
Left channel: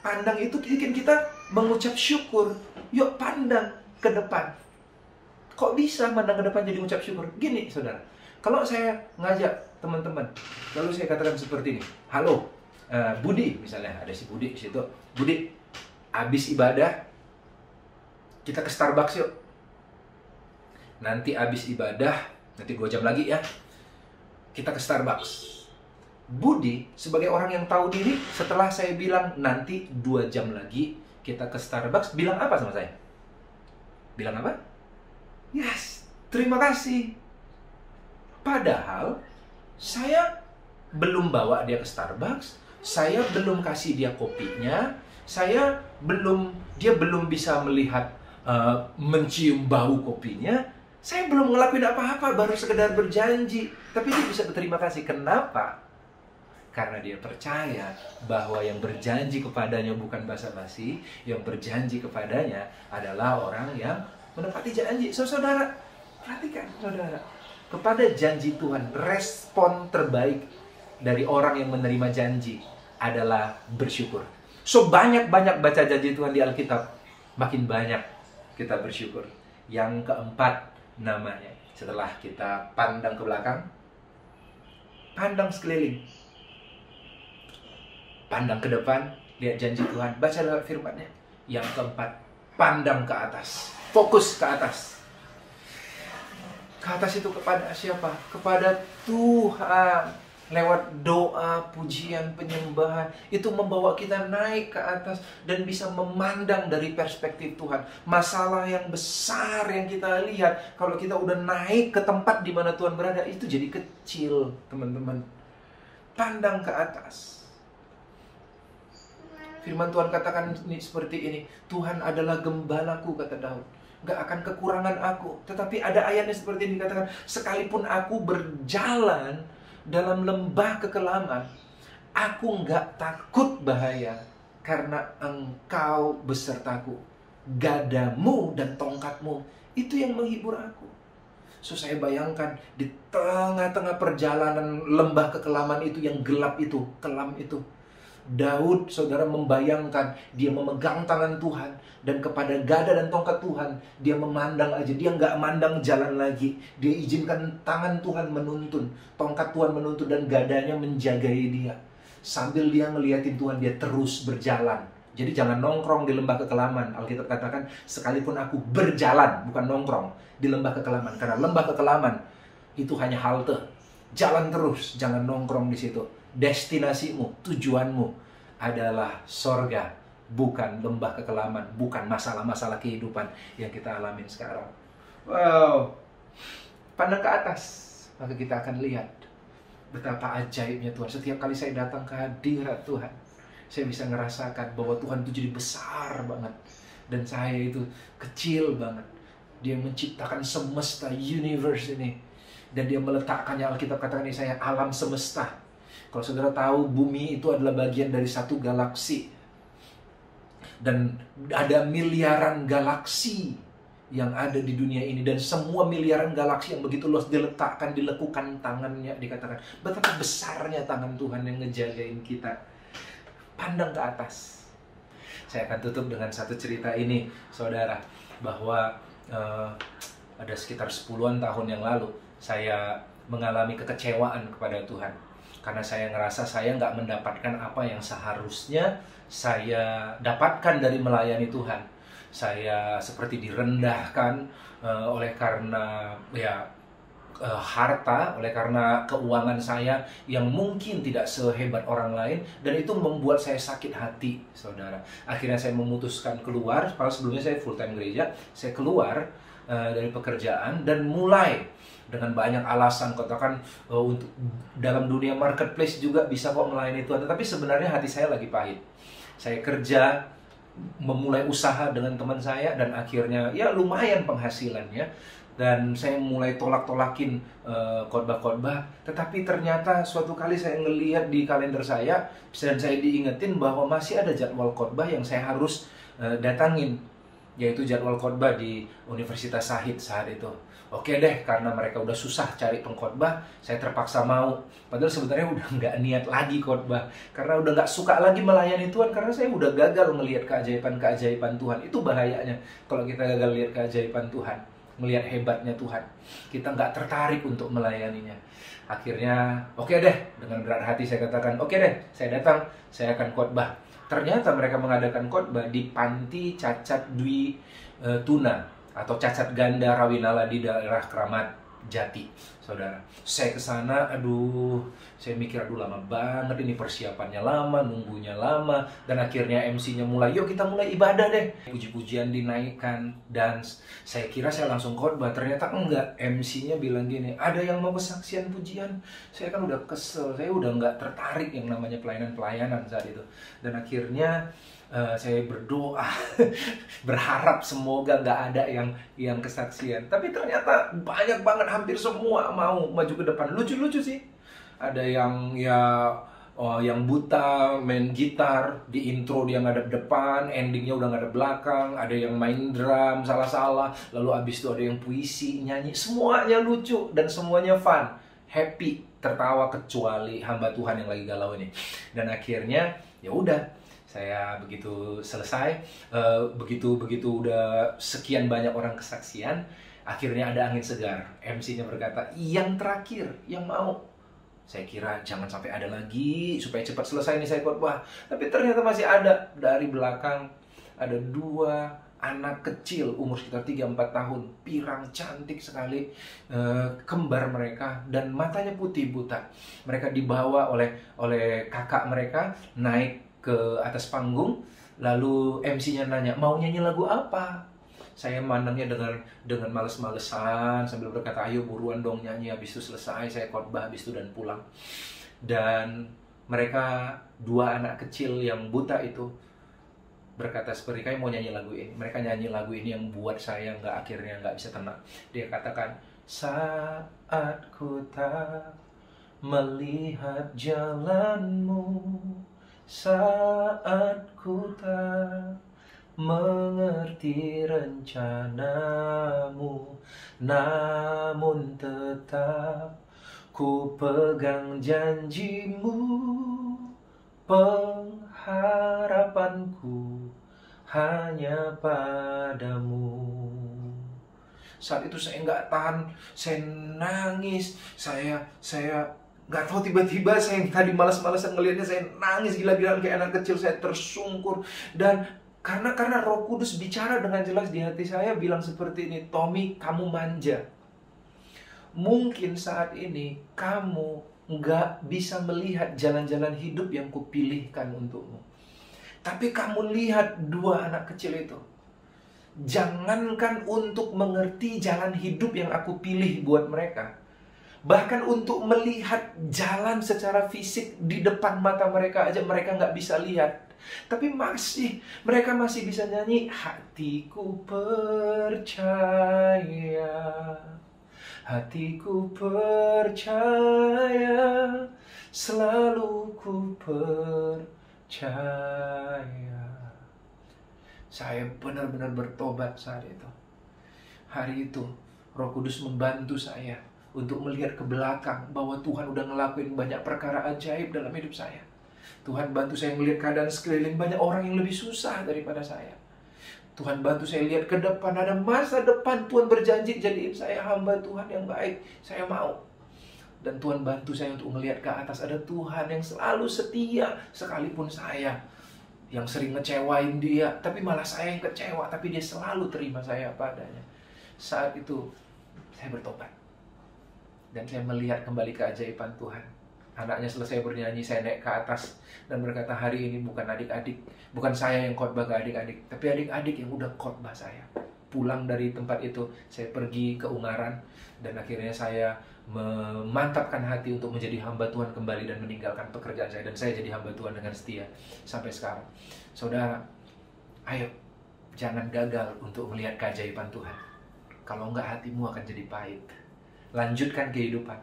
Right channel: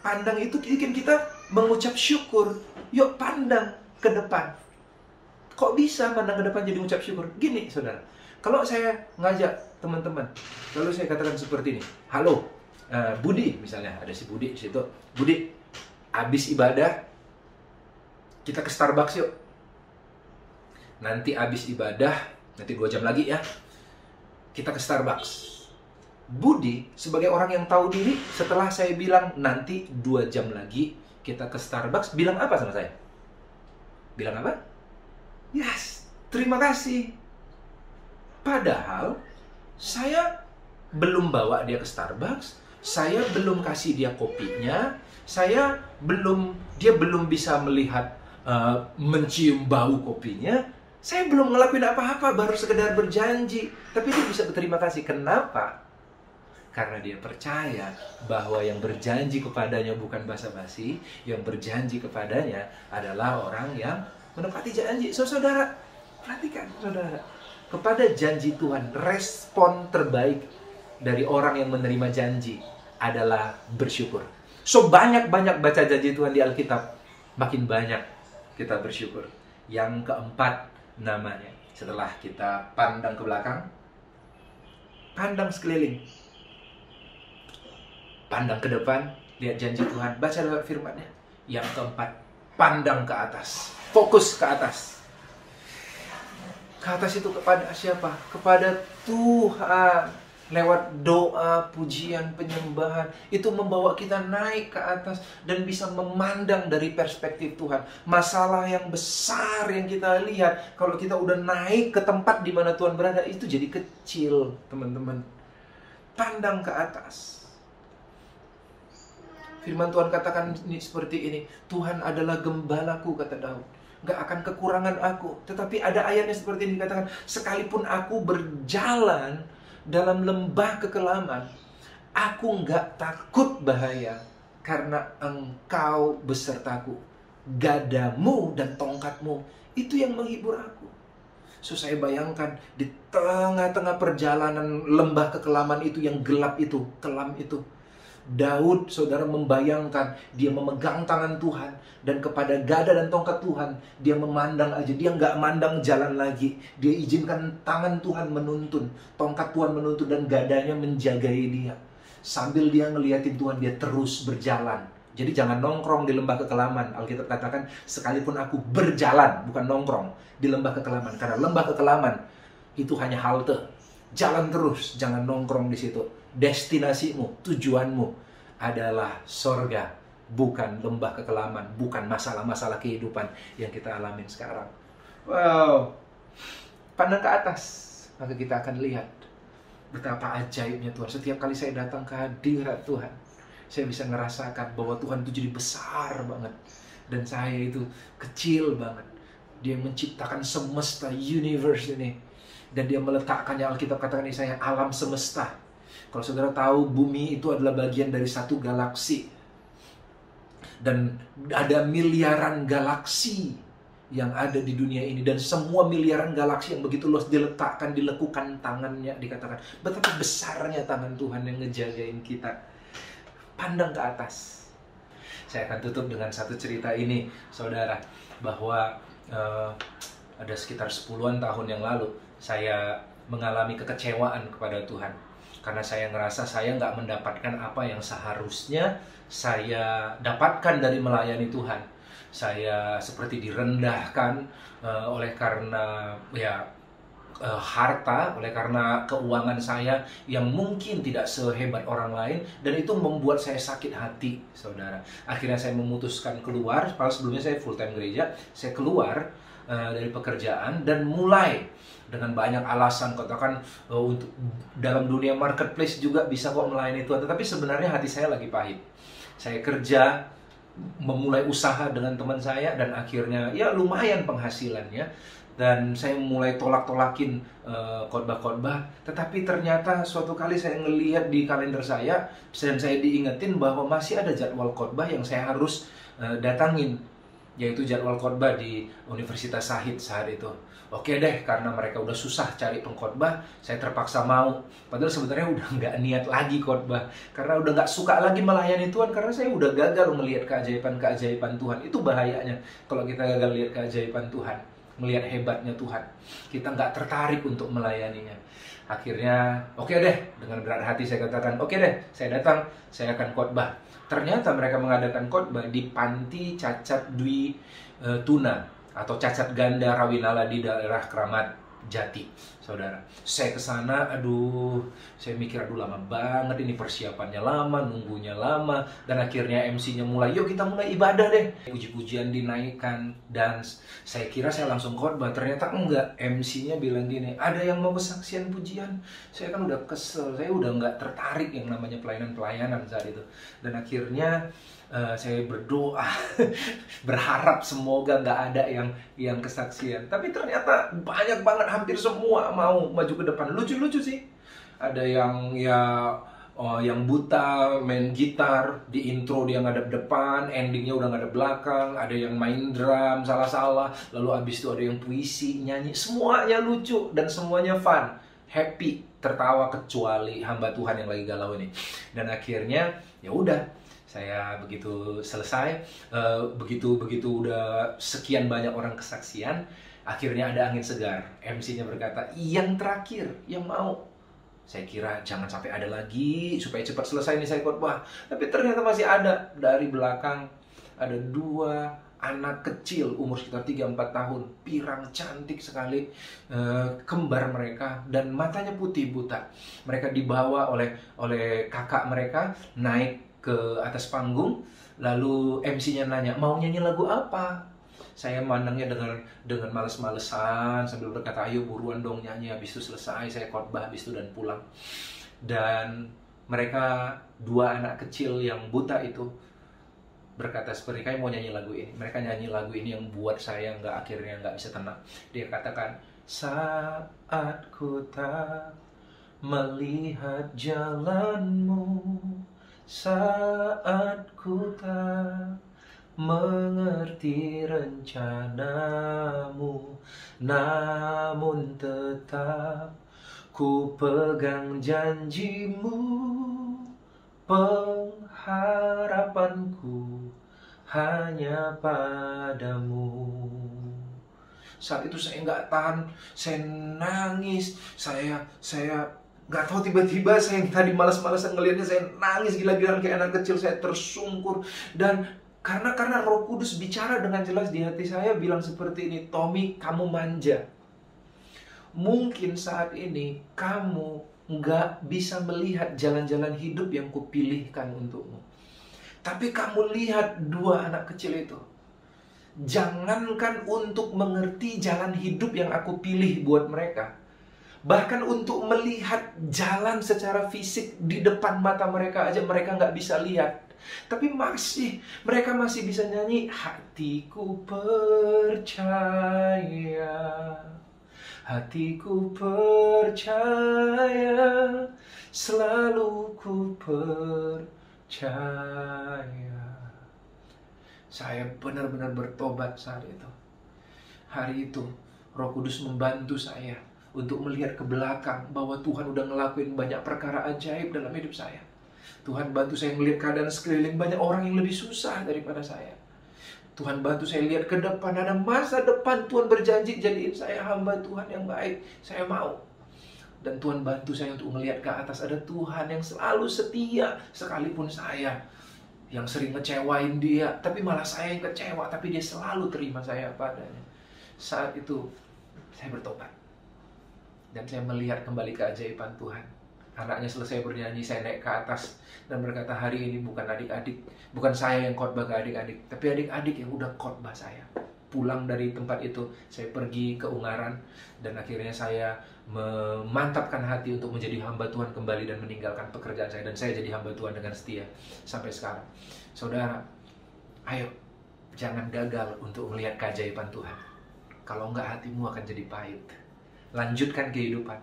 Pandang itu bikin kita mengucap syukur. Yuk pandang ke depan. Kok bisa pandang ke depan jadi mengucap syukur? Gini saudara, kalau saya ngajak teman-teman, lalu saya katakan seperti ini. Halo, Budi misalnya, ada si Budi di situ. Budi, abis ibadah kita ke Starbucks yuk. Nanti abis ibadah, nanti 2 jam lagi ya, kita ke Starbucks. Budi sebagai orang yang tahu diri, setelah saya bilang nanti 2 jam lagi kita ke Starbucks, bilang apa sama saya? Bilang apa? Yes, terima kasih. Padahal saya belum bawa dia ke Starbucks, saya belum kasih dia kopinya, dia belum bisa melihat, mencium bau kopinya. Saya belum ngelakuin apa-apa, baru sekedar berjanji. Tapi dia bisa berterima kasih. Kenapa? Karena dia percaya bahwa yang berjanji kepadanya bukan basa-basi. Yang berjanji kepadanya adalah orang yang menepati janji. Saudara, perhatikan saudara. Kepada janji Tuhan, respon terbaik dari orang yang menerima janji adalah bersyukur. So banyak-banyak baca janji Tuhan di Alkitab, makin banyak kita bersyukur. Yang keempat namanya, setelah kita pandang ke belakang, pandang sekeliling, pandang ke depan, lihat janji Tuhan, baca lewat firman-Nya. Yang keempat, pandang ke atas, fokus ke atas. Ke atas itu kepada siapa? Kepada Tuhan. Lewat doa, pujian, penyembahan, itu membawa kita naik ke atas dan bisa memandang dari perspektif Tuhan. Masalah yang besar yang kita lihat, kalau kita udah naik ke tempat di mana Tuhan berada, itu jadi kecil, teman-teman. Pandang ke atas. Firman Tuhan katakan ini seperti ini, Tuhan adalah gembalaku, kata Daud. Gak akan kekurangan aku. Tetapi ada ayatnya seperti ini, dikatakan, sekalipun aku berjalan dalam lembah kekelaman, aku gak takut bahaya, karena Engkau besertaku. Gadamu dan tongkatmu, itu yang menghibur aku. So saya bayangkan di tengah-tengah perjalanan lembah kekelaman itu yang gelap itu, kelam itu, Daud, saudara, membayangkan dia memegang tangan Tuhan, dan kepada gada dan tongkat Tuhan dia memandang aja. Dia nggak mandang jalan lagi. Dia izinkan tangan Tuhan menuntun, tongkat Tuhan menuntun, dan gadanya menjagai dia. Sambil dia ngeliatin Tuhan, dia terus berjalan. Jadi jangan nongkrong di lembah kekelaman. Alkitab katakan, sekalipun aku berjalan, bukan nongkrong, di lembah kekelaman. Karena lembah kekelaman itu hanya halte. Jalan terus, jangan nongkrong di situ. Destinasimu, tujuanmu adalah sorga, bukan lembah kekelaman, bukan masalah-masalah kehidupan yang kita alamin sekarang. Wow, pandang ke atas, maka kita akan lihat betapa ajaibnya Tuhan. Setiap kali saya datang ke hadirat Tuhan, saya bisa ngerasakan bahwa Tuhan itu jadi besar banget, dan saya itu kecil banget. Dia menciptakan semesta, universe ini, dan dia meletakkannya, Alkitab katakan ini, saya alam semesta. Kalau saudara tahu, bumi itu adalah bagian dari satu galaksi. Dan ada miliaran galaksi yang ada di dunia ini. Dan semua miliaran galaksi yang begitu luas diletakkan, dilekukan tangannya. Dikatakan betapa besarnya tangan Tuhan yang ngejagain kita. Pandang ke atas. Saya akan tutup dengan satu cerita ini, saudara. Bahwa ada sekitar 10-an tahun yang lalu, saya mengalami kekecewaan kepada Tuhan. Karena saya ngerasa saya nggak mendapatkan apa yang seharusnya saya dapatkan dari melayani Tuhan. Saya seperti direndahkan oleh karena harta, oleh karena keuangan saya yang mungkin tidak sehebat orang lain. Dan itu membuat saya sakit hati, saudara. Akhirnya saya memutuskan keluar. Padahal sebelumnya saya full time gereja. Saya keluar dari pekerjaan dan mulai dengan banyak alasan, katakan untuk dalam dunia marketplace juga bisa kok melayani Tuhan. Tetapi sebenarnya hati saya lagi pahit. Saya kerja, memulai usaha dengan teman saya, dan akhirnya ya lumayan penghasilannya. Dan saya mulai tolak-tolakin khotbah-khotbah. Tetapi ternyata suatu kali saya ngelihat di kalender saya, dan saya diingetin bahwa masih ada jadwal khotbah yang saya harus datangin, yaitu jadwal khotbah di Universitas Syahid saat itu. Oke deh, karena mereka udah susah cari pengkhotbah, saya terpaksa mau. Padahal sebenarnya udah nggak niat lagi khotbah, karena udah nggak suka lagi melayani Tuhan, karena saya udah gagal melihat keajaiban-keajaiban Tuhan. Itu bahayanya kalau kita gagal lihat keajaiban Tuhan, melihat hebatnya Tuhan, kita nggak tertarik untuk melayaninya. Akhirnya, oke deh, dengan berat hati saya katakan, oke deh, saya datang, saya akan khotbah. Ternyata mereka mengadakan khotbah di Panti Cacat Dwi Tuna atau Cacat Ganda Rawinala di daerah Kramat Jati, saudara. Saya kesana, saya mikir, lama banget ini, persiapannya lama, nunggunya lama, dan akhirnya MC-nya mulai, yuk kita mulai ibadah deh. Puji-pujian dinaikkan, dan saya kira saya langsung khotbah. Ternyata enggak, MC-nya bilang gini, ada yang mau kesaksian pujian. Saya kan udah kesel, saya udah nggak tertarik yang namanya pelayanan-pelayanan saat itu. Dan akhirnya saya berdoa, berharap semoga nggak ada yang kesaksian. Tapi ternyata banyak banget, hampir semua mau maju ke depan. Lucu-lucu sih. Ada yang buta main gitar, di intro dia ngadep depan, endingnya udah ngadep belakang. Ada yang main drum salah-salah, lalu abis itu ada yang puisi, nyanyi. Semuanya lucu dan semuanya fun, happy, tertawa, kecuali hamba Tuhan yang lagi galau ini. Dan akhirnya ya udah, saya begitu selesai, begitu udah sekian banyak orang kesaksian, akhirnya ada angin segar. MC-nya berkata, yang terakhir, yang mau. Saya kira jangan sampai ada lagi, supaya cepat selesai nih saya khotbah. Tapi ternyata masih ada. Dari belakang ada 2 anak kecil, umur sekitar 3-4 tahun, pirang, cantik sekali, kembar mereka, dan matanya putih buta. Mereka dibawa oleh kakak mereka, naik ke atas panggung, lalu MC-nya nanya, mau nyanyi lagu apa? Saya mandangnya dengan males-malesan, sambil berkata, ayo buruan dong nyanyi, habis itu selesai, saya khotbah habis itu dan pulang. Dan mereka 2 anak kecil yang buta itu berkata seperti, kayak mau nyanyi lagu ini. Mereka nyanyi lagu ini yang buat saya akhirnya nggak bisa tenang. Dia katakan, saat ku tak melihat jalanmu, saat ku tak mengerti rencanamu, namun tetap ku pegang janjimu, pengharapanku hanya padamu. Saat itu saya nggak tahan, saya nangis, saya nggak tahu, tiba-tiba saya yang tadi malas-malasan ngelihatnya, saya nangis gila-gilaan kayak anak kecil, saya tersungkur. Dan karena Roh Kudus bicara dengan jelas di hati saya, bilang seperti ini, Tommy, kamu manja. Mungkin saat ini kamu nggak bisa melihat jalan-jalan hidup yang kupilihkan untukmu. Tapi kamu lihat dua anak kecil itu. Jangankan untuk mengerti jalan hidup yang aku pilih buat mereka, bahkan untuk melihat jalan secara fisik di depan mata mereka aja mereka nggak bisa lihat. Tapi mereka masih bisa nyanyi, hatiku percaya, hatiku percaya, selalu ku percaya. Saya benar-benar bertobat saat itu. Hari itu Roh Kudus membantu saya untuk melihat ke belakang bahwa Tuhan udah ngelakuin banyak perkara ajaib dalam hidup saya. Tuhan bantu saya melihat keadaan sekeliling, banyak orang yang lebih susah daripada saya. Tuhan bantu saya lihat ke depan, ada masa depan. Tuhan berjanji jadiin saya hamba Tuhan yang baik. Saya mau. Dan Tuhan bantu saya untuk melihat ke atas, ada Tuhan yang selalu setia. Sekalipun saya yang sering ngecewain dia, tapi malah saya yang kecewa, tapi dia selalu terima saya apa adanya. Saat itu saya bertobat. Dan saya melihat kembali keajaiban Tuhan. Anaknya selesai bernyanyi, saya naik ke atas dan berkata, hari ini bukan adik-adik, bukan saya yang khotbah ke adik-adik, tapi adik-adik yang udah khotbah saya. Pulang dari tempat itu, saya pergi ke Ungaran, dan akhirnya saya memantapkan hati untuk menjadi hamba Tuhan kembali dan meninggalkan pekerjaan saya. Dan saya jadi hamba Tuhan dengan setia sampai sekarang. Saudara, ayo, jangan gagal untuk melihat keajaiban Tuhan. Kalau enggak, hatimu akan jadi pahit. Lanjutkan kehidupan.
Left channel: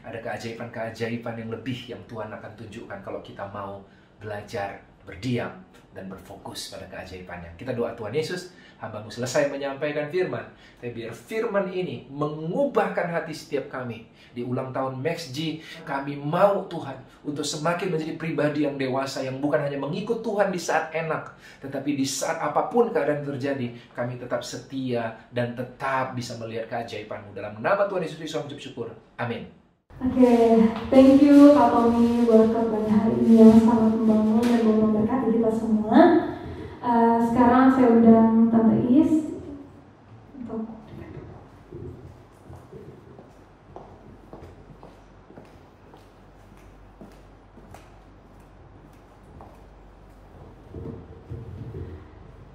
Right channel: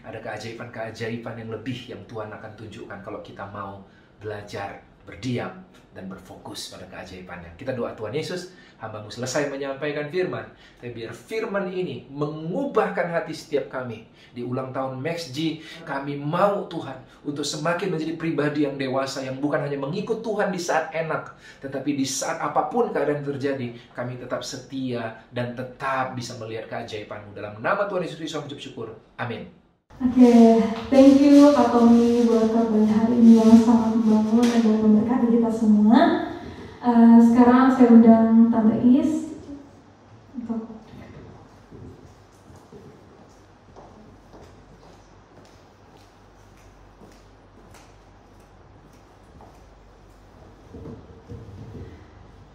Ada keajaiban-keajaiban yang lebih yang Tuhan akan tunjukkan kalau kita mau belajar, berdiam, dan berfokus pada keajaibannya. Kita doa, Tuhan Yesus, hamba-Mu selesai menyampaikan firman, tapi biar firman ini mengubahkan hati setiap kami. Di ulang tahun MaxG, kami mau Tuhan untuk semakin menjadi pribadi yang dewasa, yang bukan hanya mengikut Tuhan di saat enak, tetapi di saat apapun keadaan terjadi, kami tetap setia dan tetap bisa melihat keajaiban-Mu. Dalam nama Tuhan Yesus Kristus, mengucap syukur. Amin. Oke, thank you Pak Tommy buat khotbahnya hari ini yang sangat membangun dan memberkati kita semua. Sekarang saya undang Tante Is untuk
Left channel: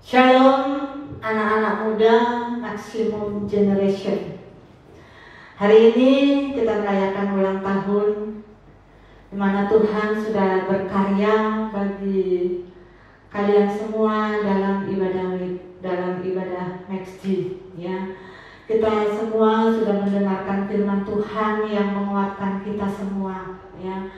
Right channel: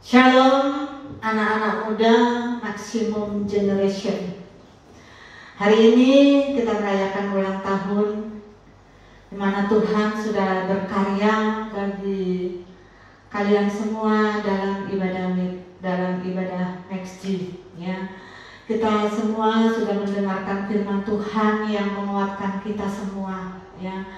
Shalom anak-anak muda Maximum Generation. Hari ini kita merayakan ulang tahun di mana Tuhan sudah berkarya bagi kalian semua dalam ibadah MaxG, ya. Kita semua sudah mendengarkan firman Tuhan yang menguatkan kita semua, ya.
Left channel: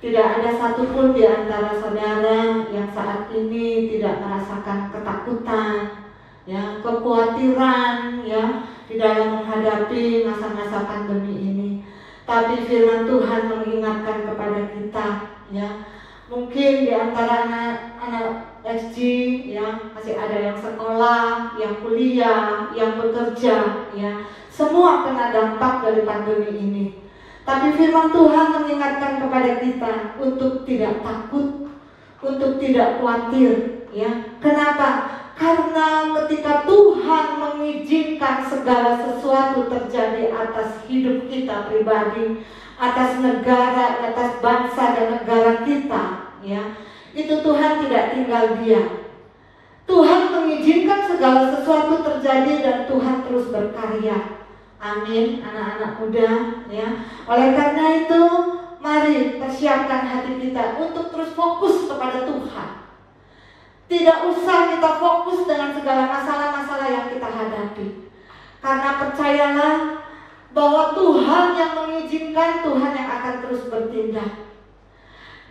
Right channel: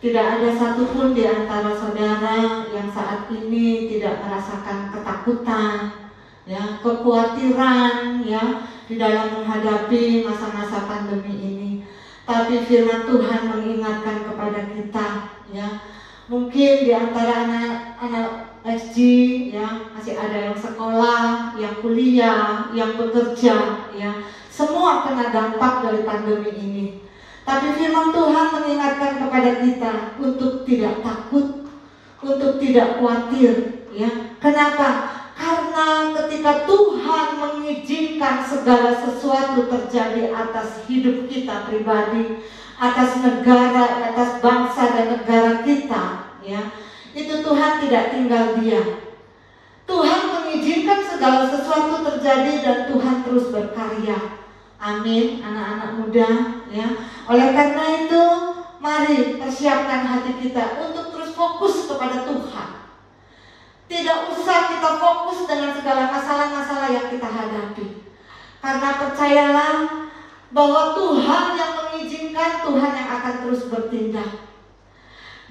Tidak ada satupun di antara saudara yang saat ini tidak merasakan ketakutan, ya, kekhawatiran, ya, di dalam menghadapi masa-masa pandemi ini. Tapi firman Tuhan mengingatkan kepada kita, ya, mungkin di antara anak SG, ya, masih ada yang sekolah, yang kuliah, yang bekerja, ya, semua kena dampak dari pandemi ini. Tapi firman Tuhan mengingatkan kepada kita untuk tidak takut, untuk tidak khawatir, ya. Kenapa? Karena ketika Tuhan mengizinkan segala sesuatu terjadi atas hidup kita pribadi, atas negara, atas bangsa dan negara kita, ya, itu Tuhan tidak tinggal diam. Tuhan mengizinkan segala sesuatu terjadi dan Tuhan terus berkarya. Amin, anak-anak muda, ya. Oleh karena itu, mari persiapkan hati kita untuk terus fokus kepada Tuhan. Tidak usah kita fokus dengan segala masalah-masalah yang kita hadapi. Karena percayalah bahwa Tuhan yang mengizinkan, Tuhan yang akan terus bertindak.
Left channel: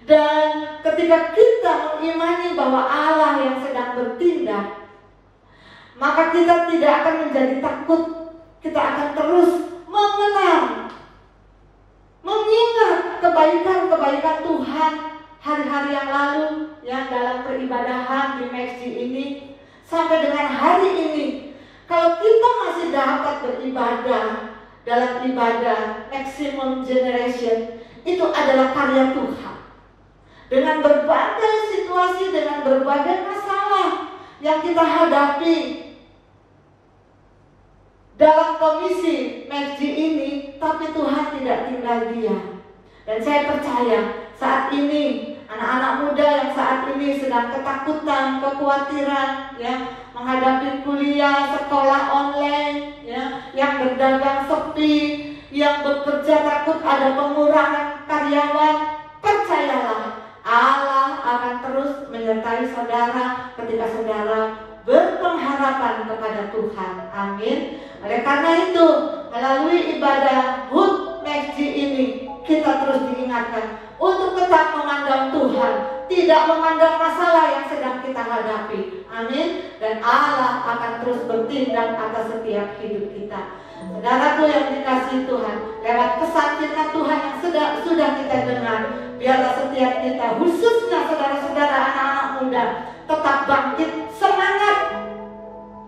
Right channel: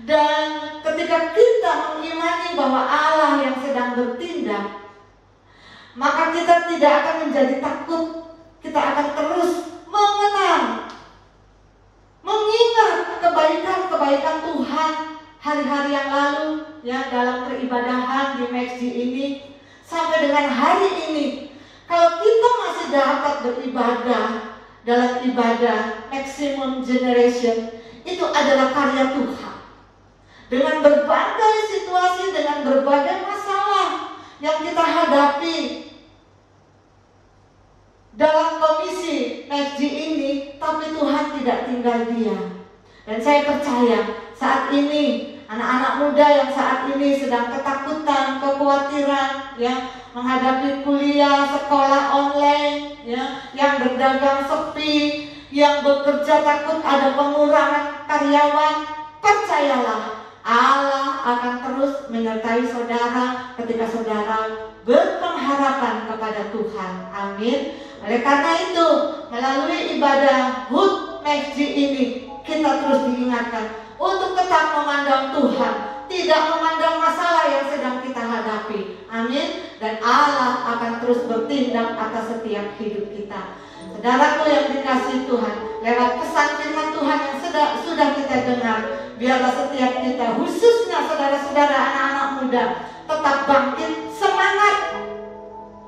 Dan ketika kita mengimani bahwa Allah yang sedang bertindak, maka kita tidak akan menjadi takut. Kita akan terus mengenang, mengingat kebaikan-kebaikan Tuhan hari-hari yang lalu, yang dalam peribadahan di MaxG ini sampai dengan hari ini. Kalau kita masih dapat beribadah dalam ibadah Maximum Generation, itu adalah karya Tuhan. Dengan berbagai situasi, dengan berbagai masalah yang kita hadapi dalam komisi MaxG ini, tapi Tuhan tidak tinggal diam. Dan saya percaya saat ini anak-anak muda yang saat ini sedang ketakutan, kekhawatiran, yang menghadapi kuliah, sekolah online, yang berdagang sepi, yang bekerja takut ada pengurangan karyawan, percayalah Allah akan terus menyertai saudara ketika saudara berpengharapan kepada Tuhan. Amin. Oleh karena itu, melalui ibadah HUT MaxG ini, kita terus diingatkan untuk tetap memandang Tuhan, tidak memandang masalah yang sedang kita hadapi. Amin. Dan Allah akan terus bertindak atas setiap hidup kita. Saudaraku yang dikasihi Tuhan, lewat pesan firman Tuhan yang sudah kita dengar, biarlah setiap kita, khususnya saudara-saudara anak-anak muda, tetap bangkit semangat,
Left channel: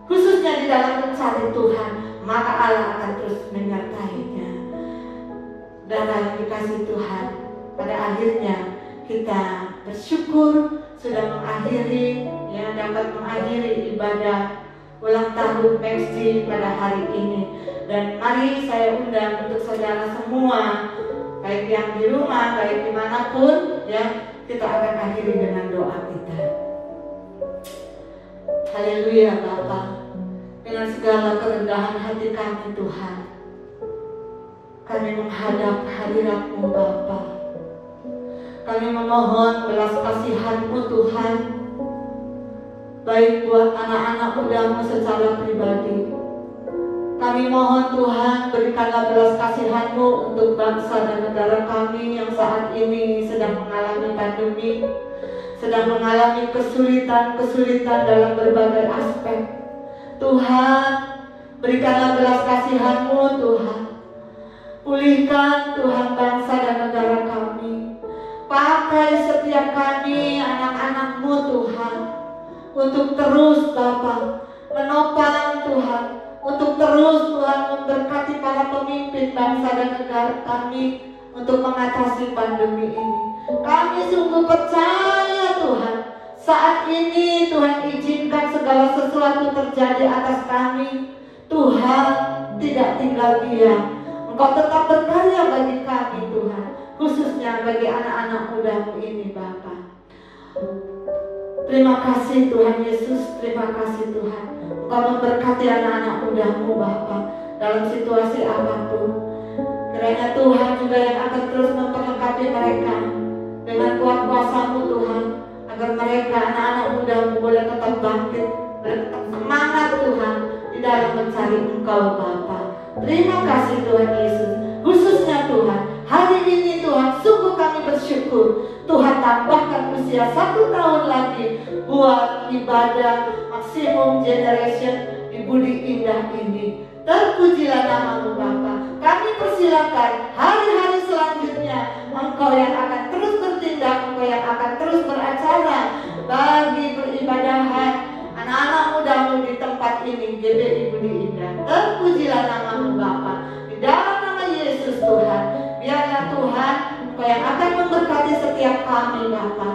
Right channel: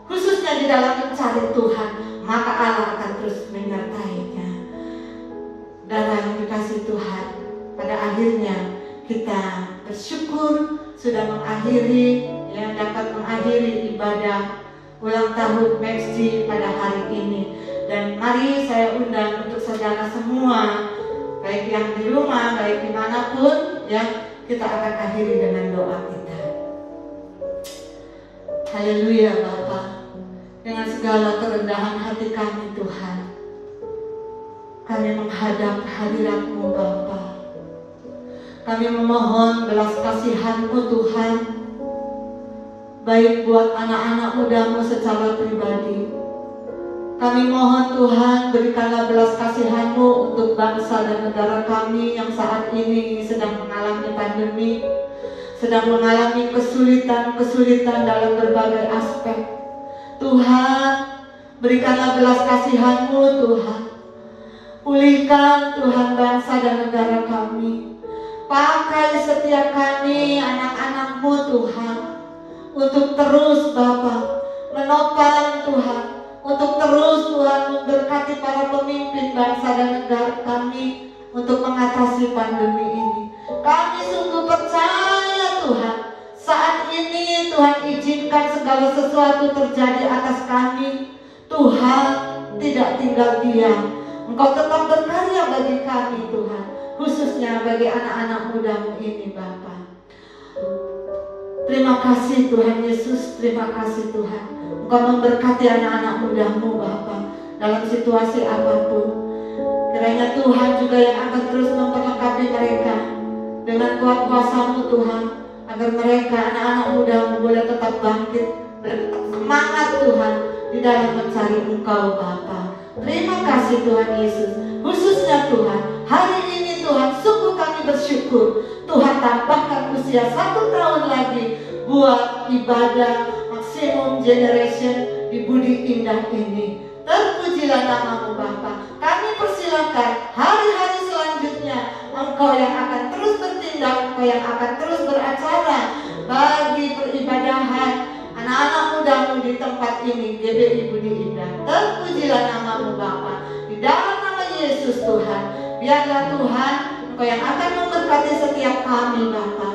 khususnya di dalam mencari Tuhan, maka Allah akan terus menyertainya. Saudara yang dikasihi Tuhan, pada akhirnya kita bersyukur sudah mengakhiri, dapat mengakhiri ibadah ulang tahun MaxG pada hari ini. Dan mari saya undang untuk saudara semua, baik yang di rumah, baik dimanapun, kita akan akhiri dengan doa kita. Haleluya Bapa, dengan segala kerendahan hati kami Tuhan, kami menghadap hadirat-Mu Bapa. Kami memohon belas kasihan-Mu Tuhan, baik buat anak-anak muda-Mu secara pribadi. Kami mohon Tuhan, berikanlah belas kasihan-Mu untuk bangsa dan negara kami yang saat ini sedang mengalami pandemi, sedang mengalami kesulitan-kesulitan dalam berbagai aspek. Tuhan, berikanlah belas kasihan-Mu Tuhan. Pulihkan Tuhan bangsa dan negara kami. Pakai setiap kami anak-anak-Mu Tuhan, untuk terus Bapa menopang Tuhan, untuk terus Tuhan memberkati para pemimpin bangsa dan negara kami untuk mengatasi pandemi ini. Kami sungguh percaya Tuhan, saat ini Tuhan izinkan segala sesuatu terjadi atas kami. Tuhan tidak tinggal diam, Engkau tetap berkarya bagi kami Tuhan, khususnya bagi anak-anak muda ini Bapa. Terima kasih Tuhan Yesus, terima kasih Tuhan. Engkau memberkati anak-anak muda-Mu Bapa dalam situasi apapun. Kiranya Tuhan juga yang akan terus memperlengkapi mereka dengan kuat kuasa-Mu Tuhan, agar mereka anak-anak muda-Mu boleh tetap bangkit, boleh tetap semangat Tuhan di dalam mencari Engkau Bapa. Terima kasih Tuhan Yesus. Khususnya Tuhan, hari ini Tuhan sungguh kami bersyukur Tuhan tambahkan usia 1 tahun lagi buat ibadah Maximum Generation di Budi Indah ini. Terpujilah nama-Mu Bapa. Kami persilakan hari-hari selanjutnya Engkau yang akan terus bertindak, Engkau yang akan terus beracara bagi peribadahan anak-anak muda-Mu di tempat ini, GBI Budi Indah. Terpujilah nama-Mu Bapa. Di dalam nama Yesus Tuhan, biarlah Tuhan Engkau yang akan memberkati setiap kami Bapa.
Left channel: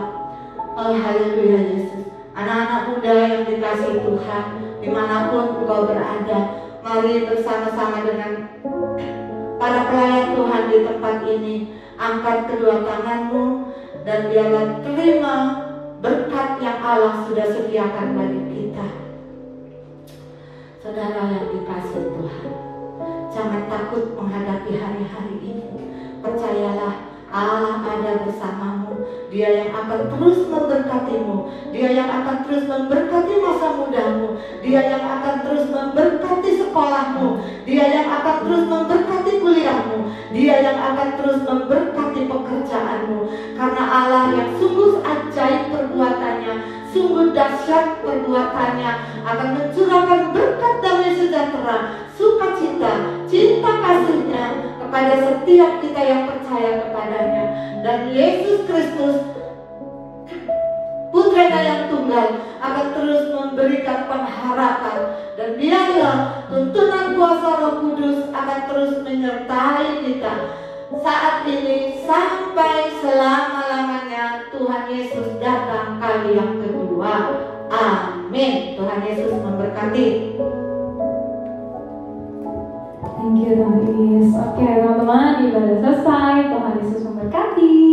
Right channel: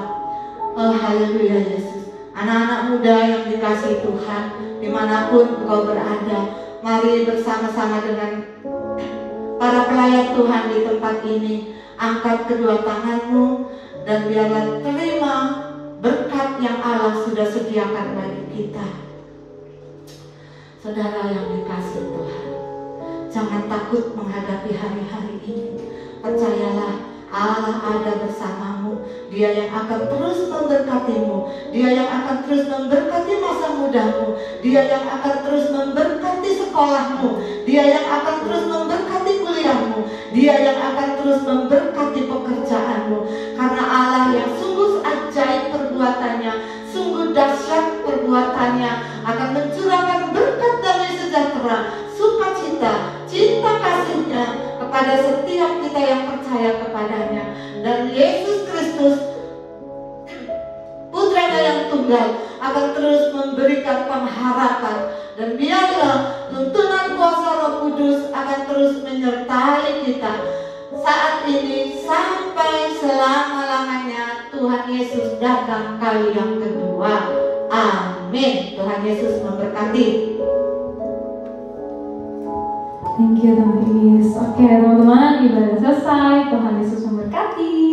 Oh haleluya Yesus. Anak-anak muda yang dikasihi Tuhan, dimanapun Engkau berada, mari bersama-sama dengan para pelayan Tuhan di tempat ini, angkat kedua tangan-Mu dan biarlah terima berkat yang Allah sudah sediakan bagi kita. Saudara yang dikasihi Tuhan, jangan takut menghadapi hari-hari ini. Percayalah Allah ada bersamamu. Dia Dia yang akan terus memberkatimu, Dia yang akan terus memberkati masa mudamu, Dia yang akan terus memberkati sekolahmu, Dia yang akan terus memberkati kuliahmu, Dia yang akan terus memberkati pekerjaanmu. Karena Allah yang sungguh ajaib perbuatannya, sungguh dahsyat perbuatannya, akan mencurahkan berkat damai sejahtera, sukacita, cinta kasih-Nya kepada setiap kita yang percaya kepadanya. Dan Yesus Kristus, Putranya yang tunggal, akan terus memberikan pengharapan. Dan biarlah tuntunan kuasa Roh Kudus akan terus menyertai kita saat ini sampai selama-lamanya Tuhan Yesus datang kali yang kedua. Amin. Tuhan Yesus memberkati. Thank you, Tante Chris. Oke, teman-teman, ibadah selesai. Tuhan Yesus memberkati.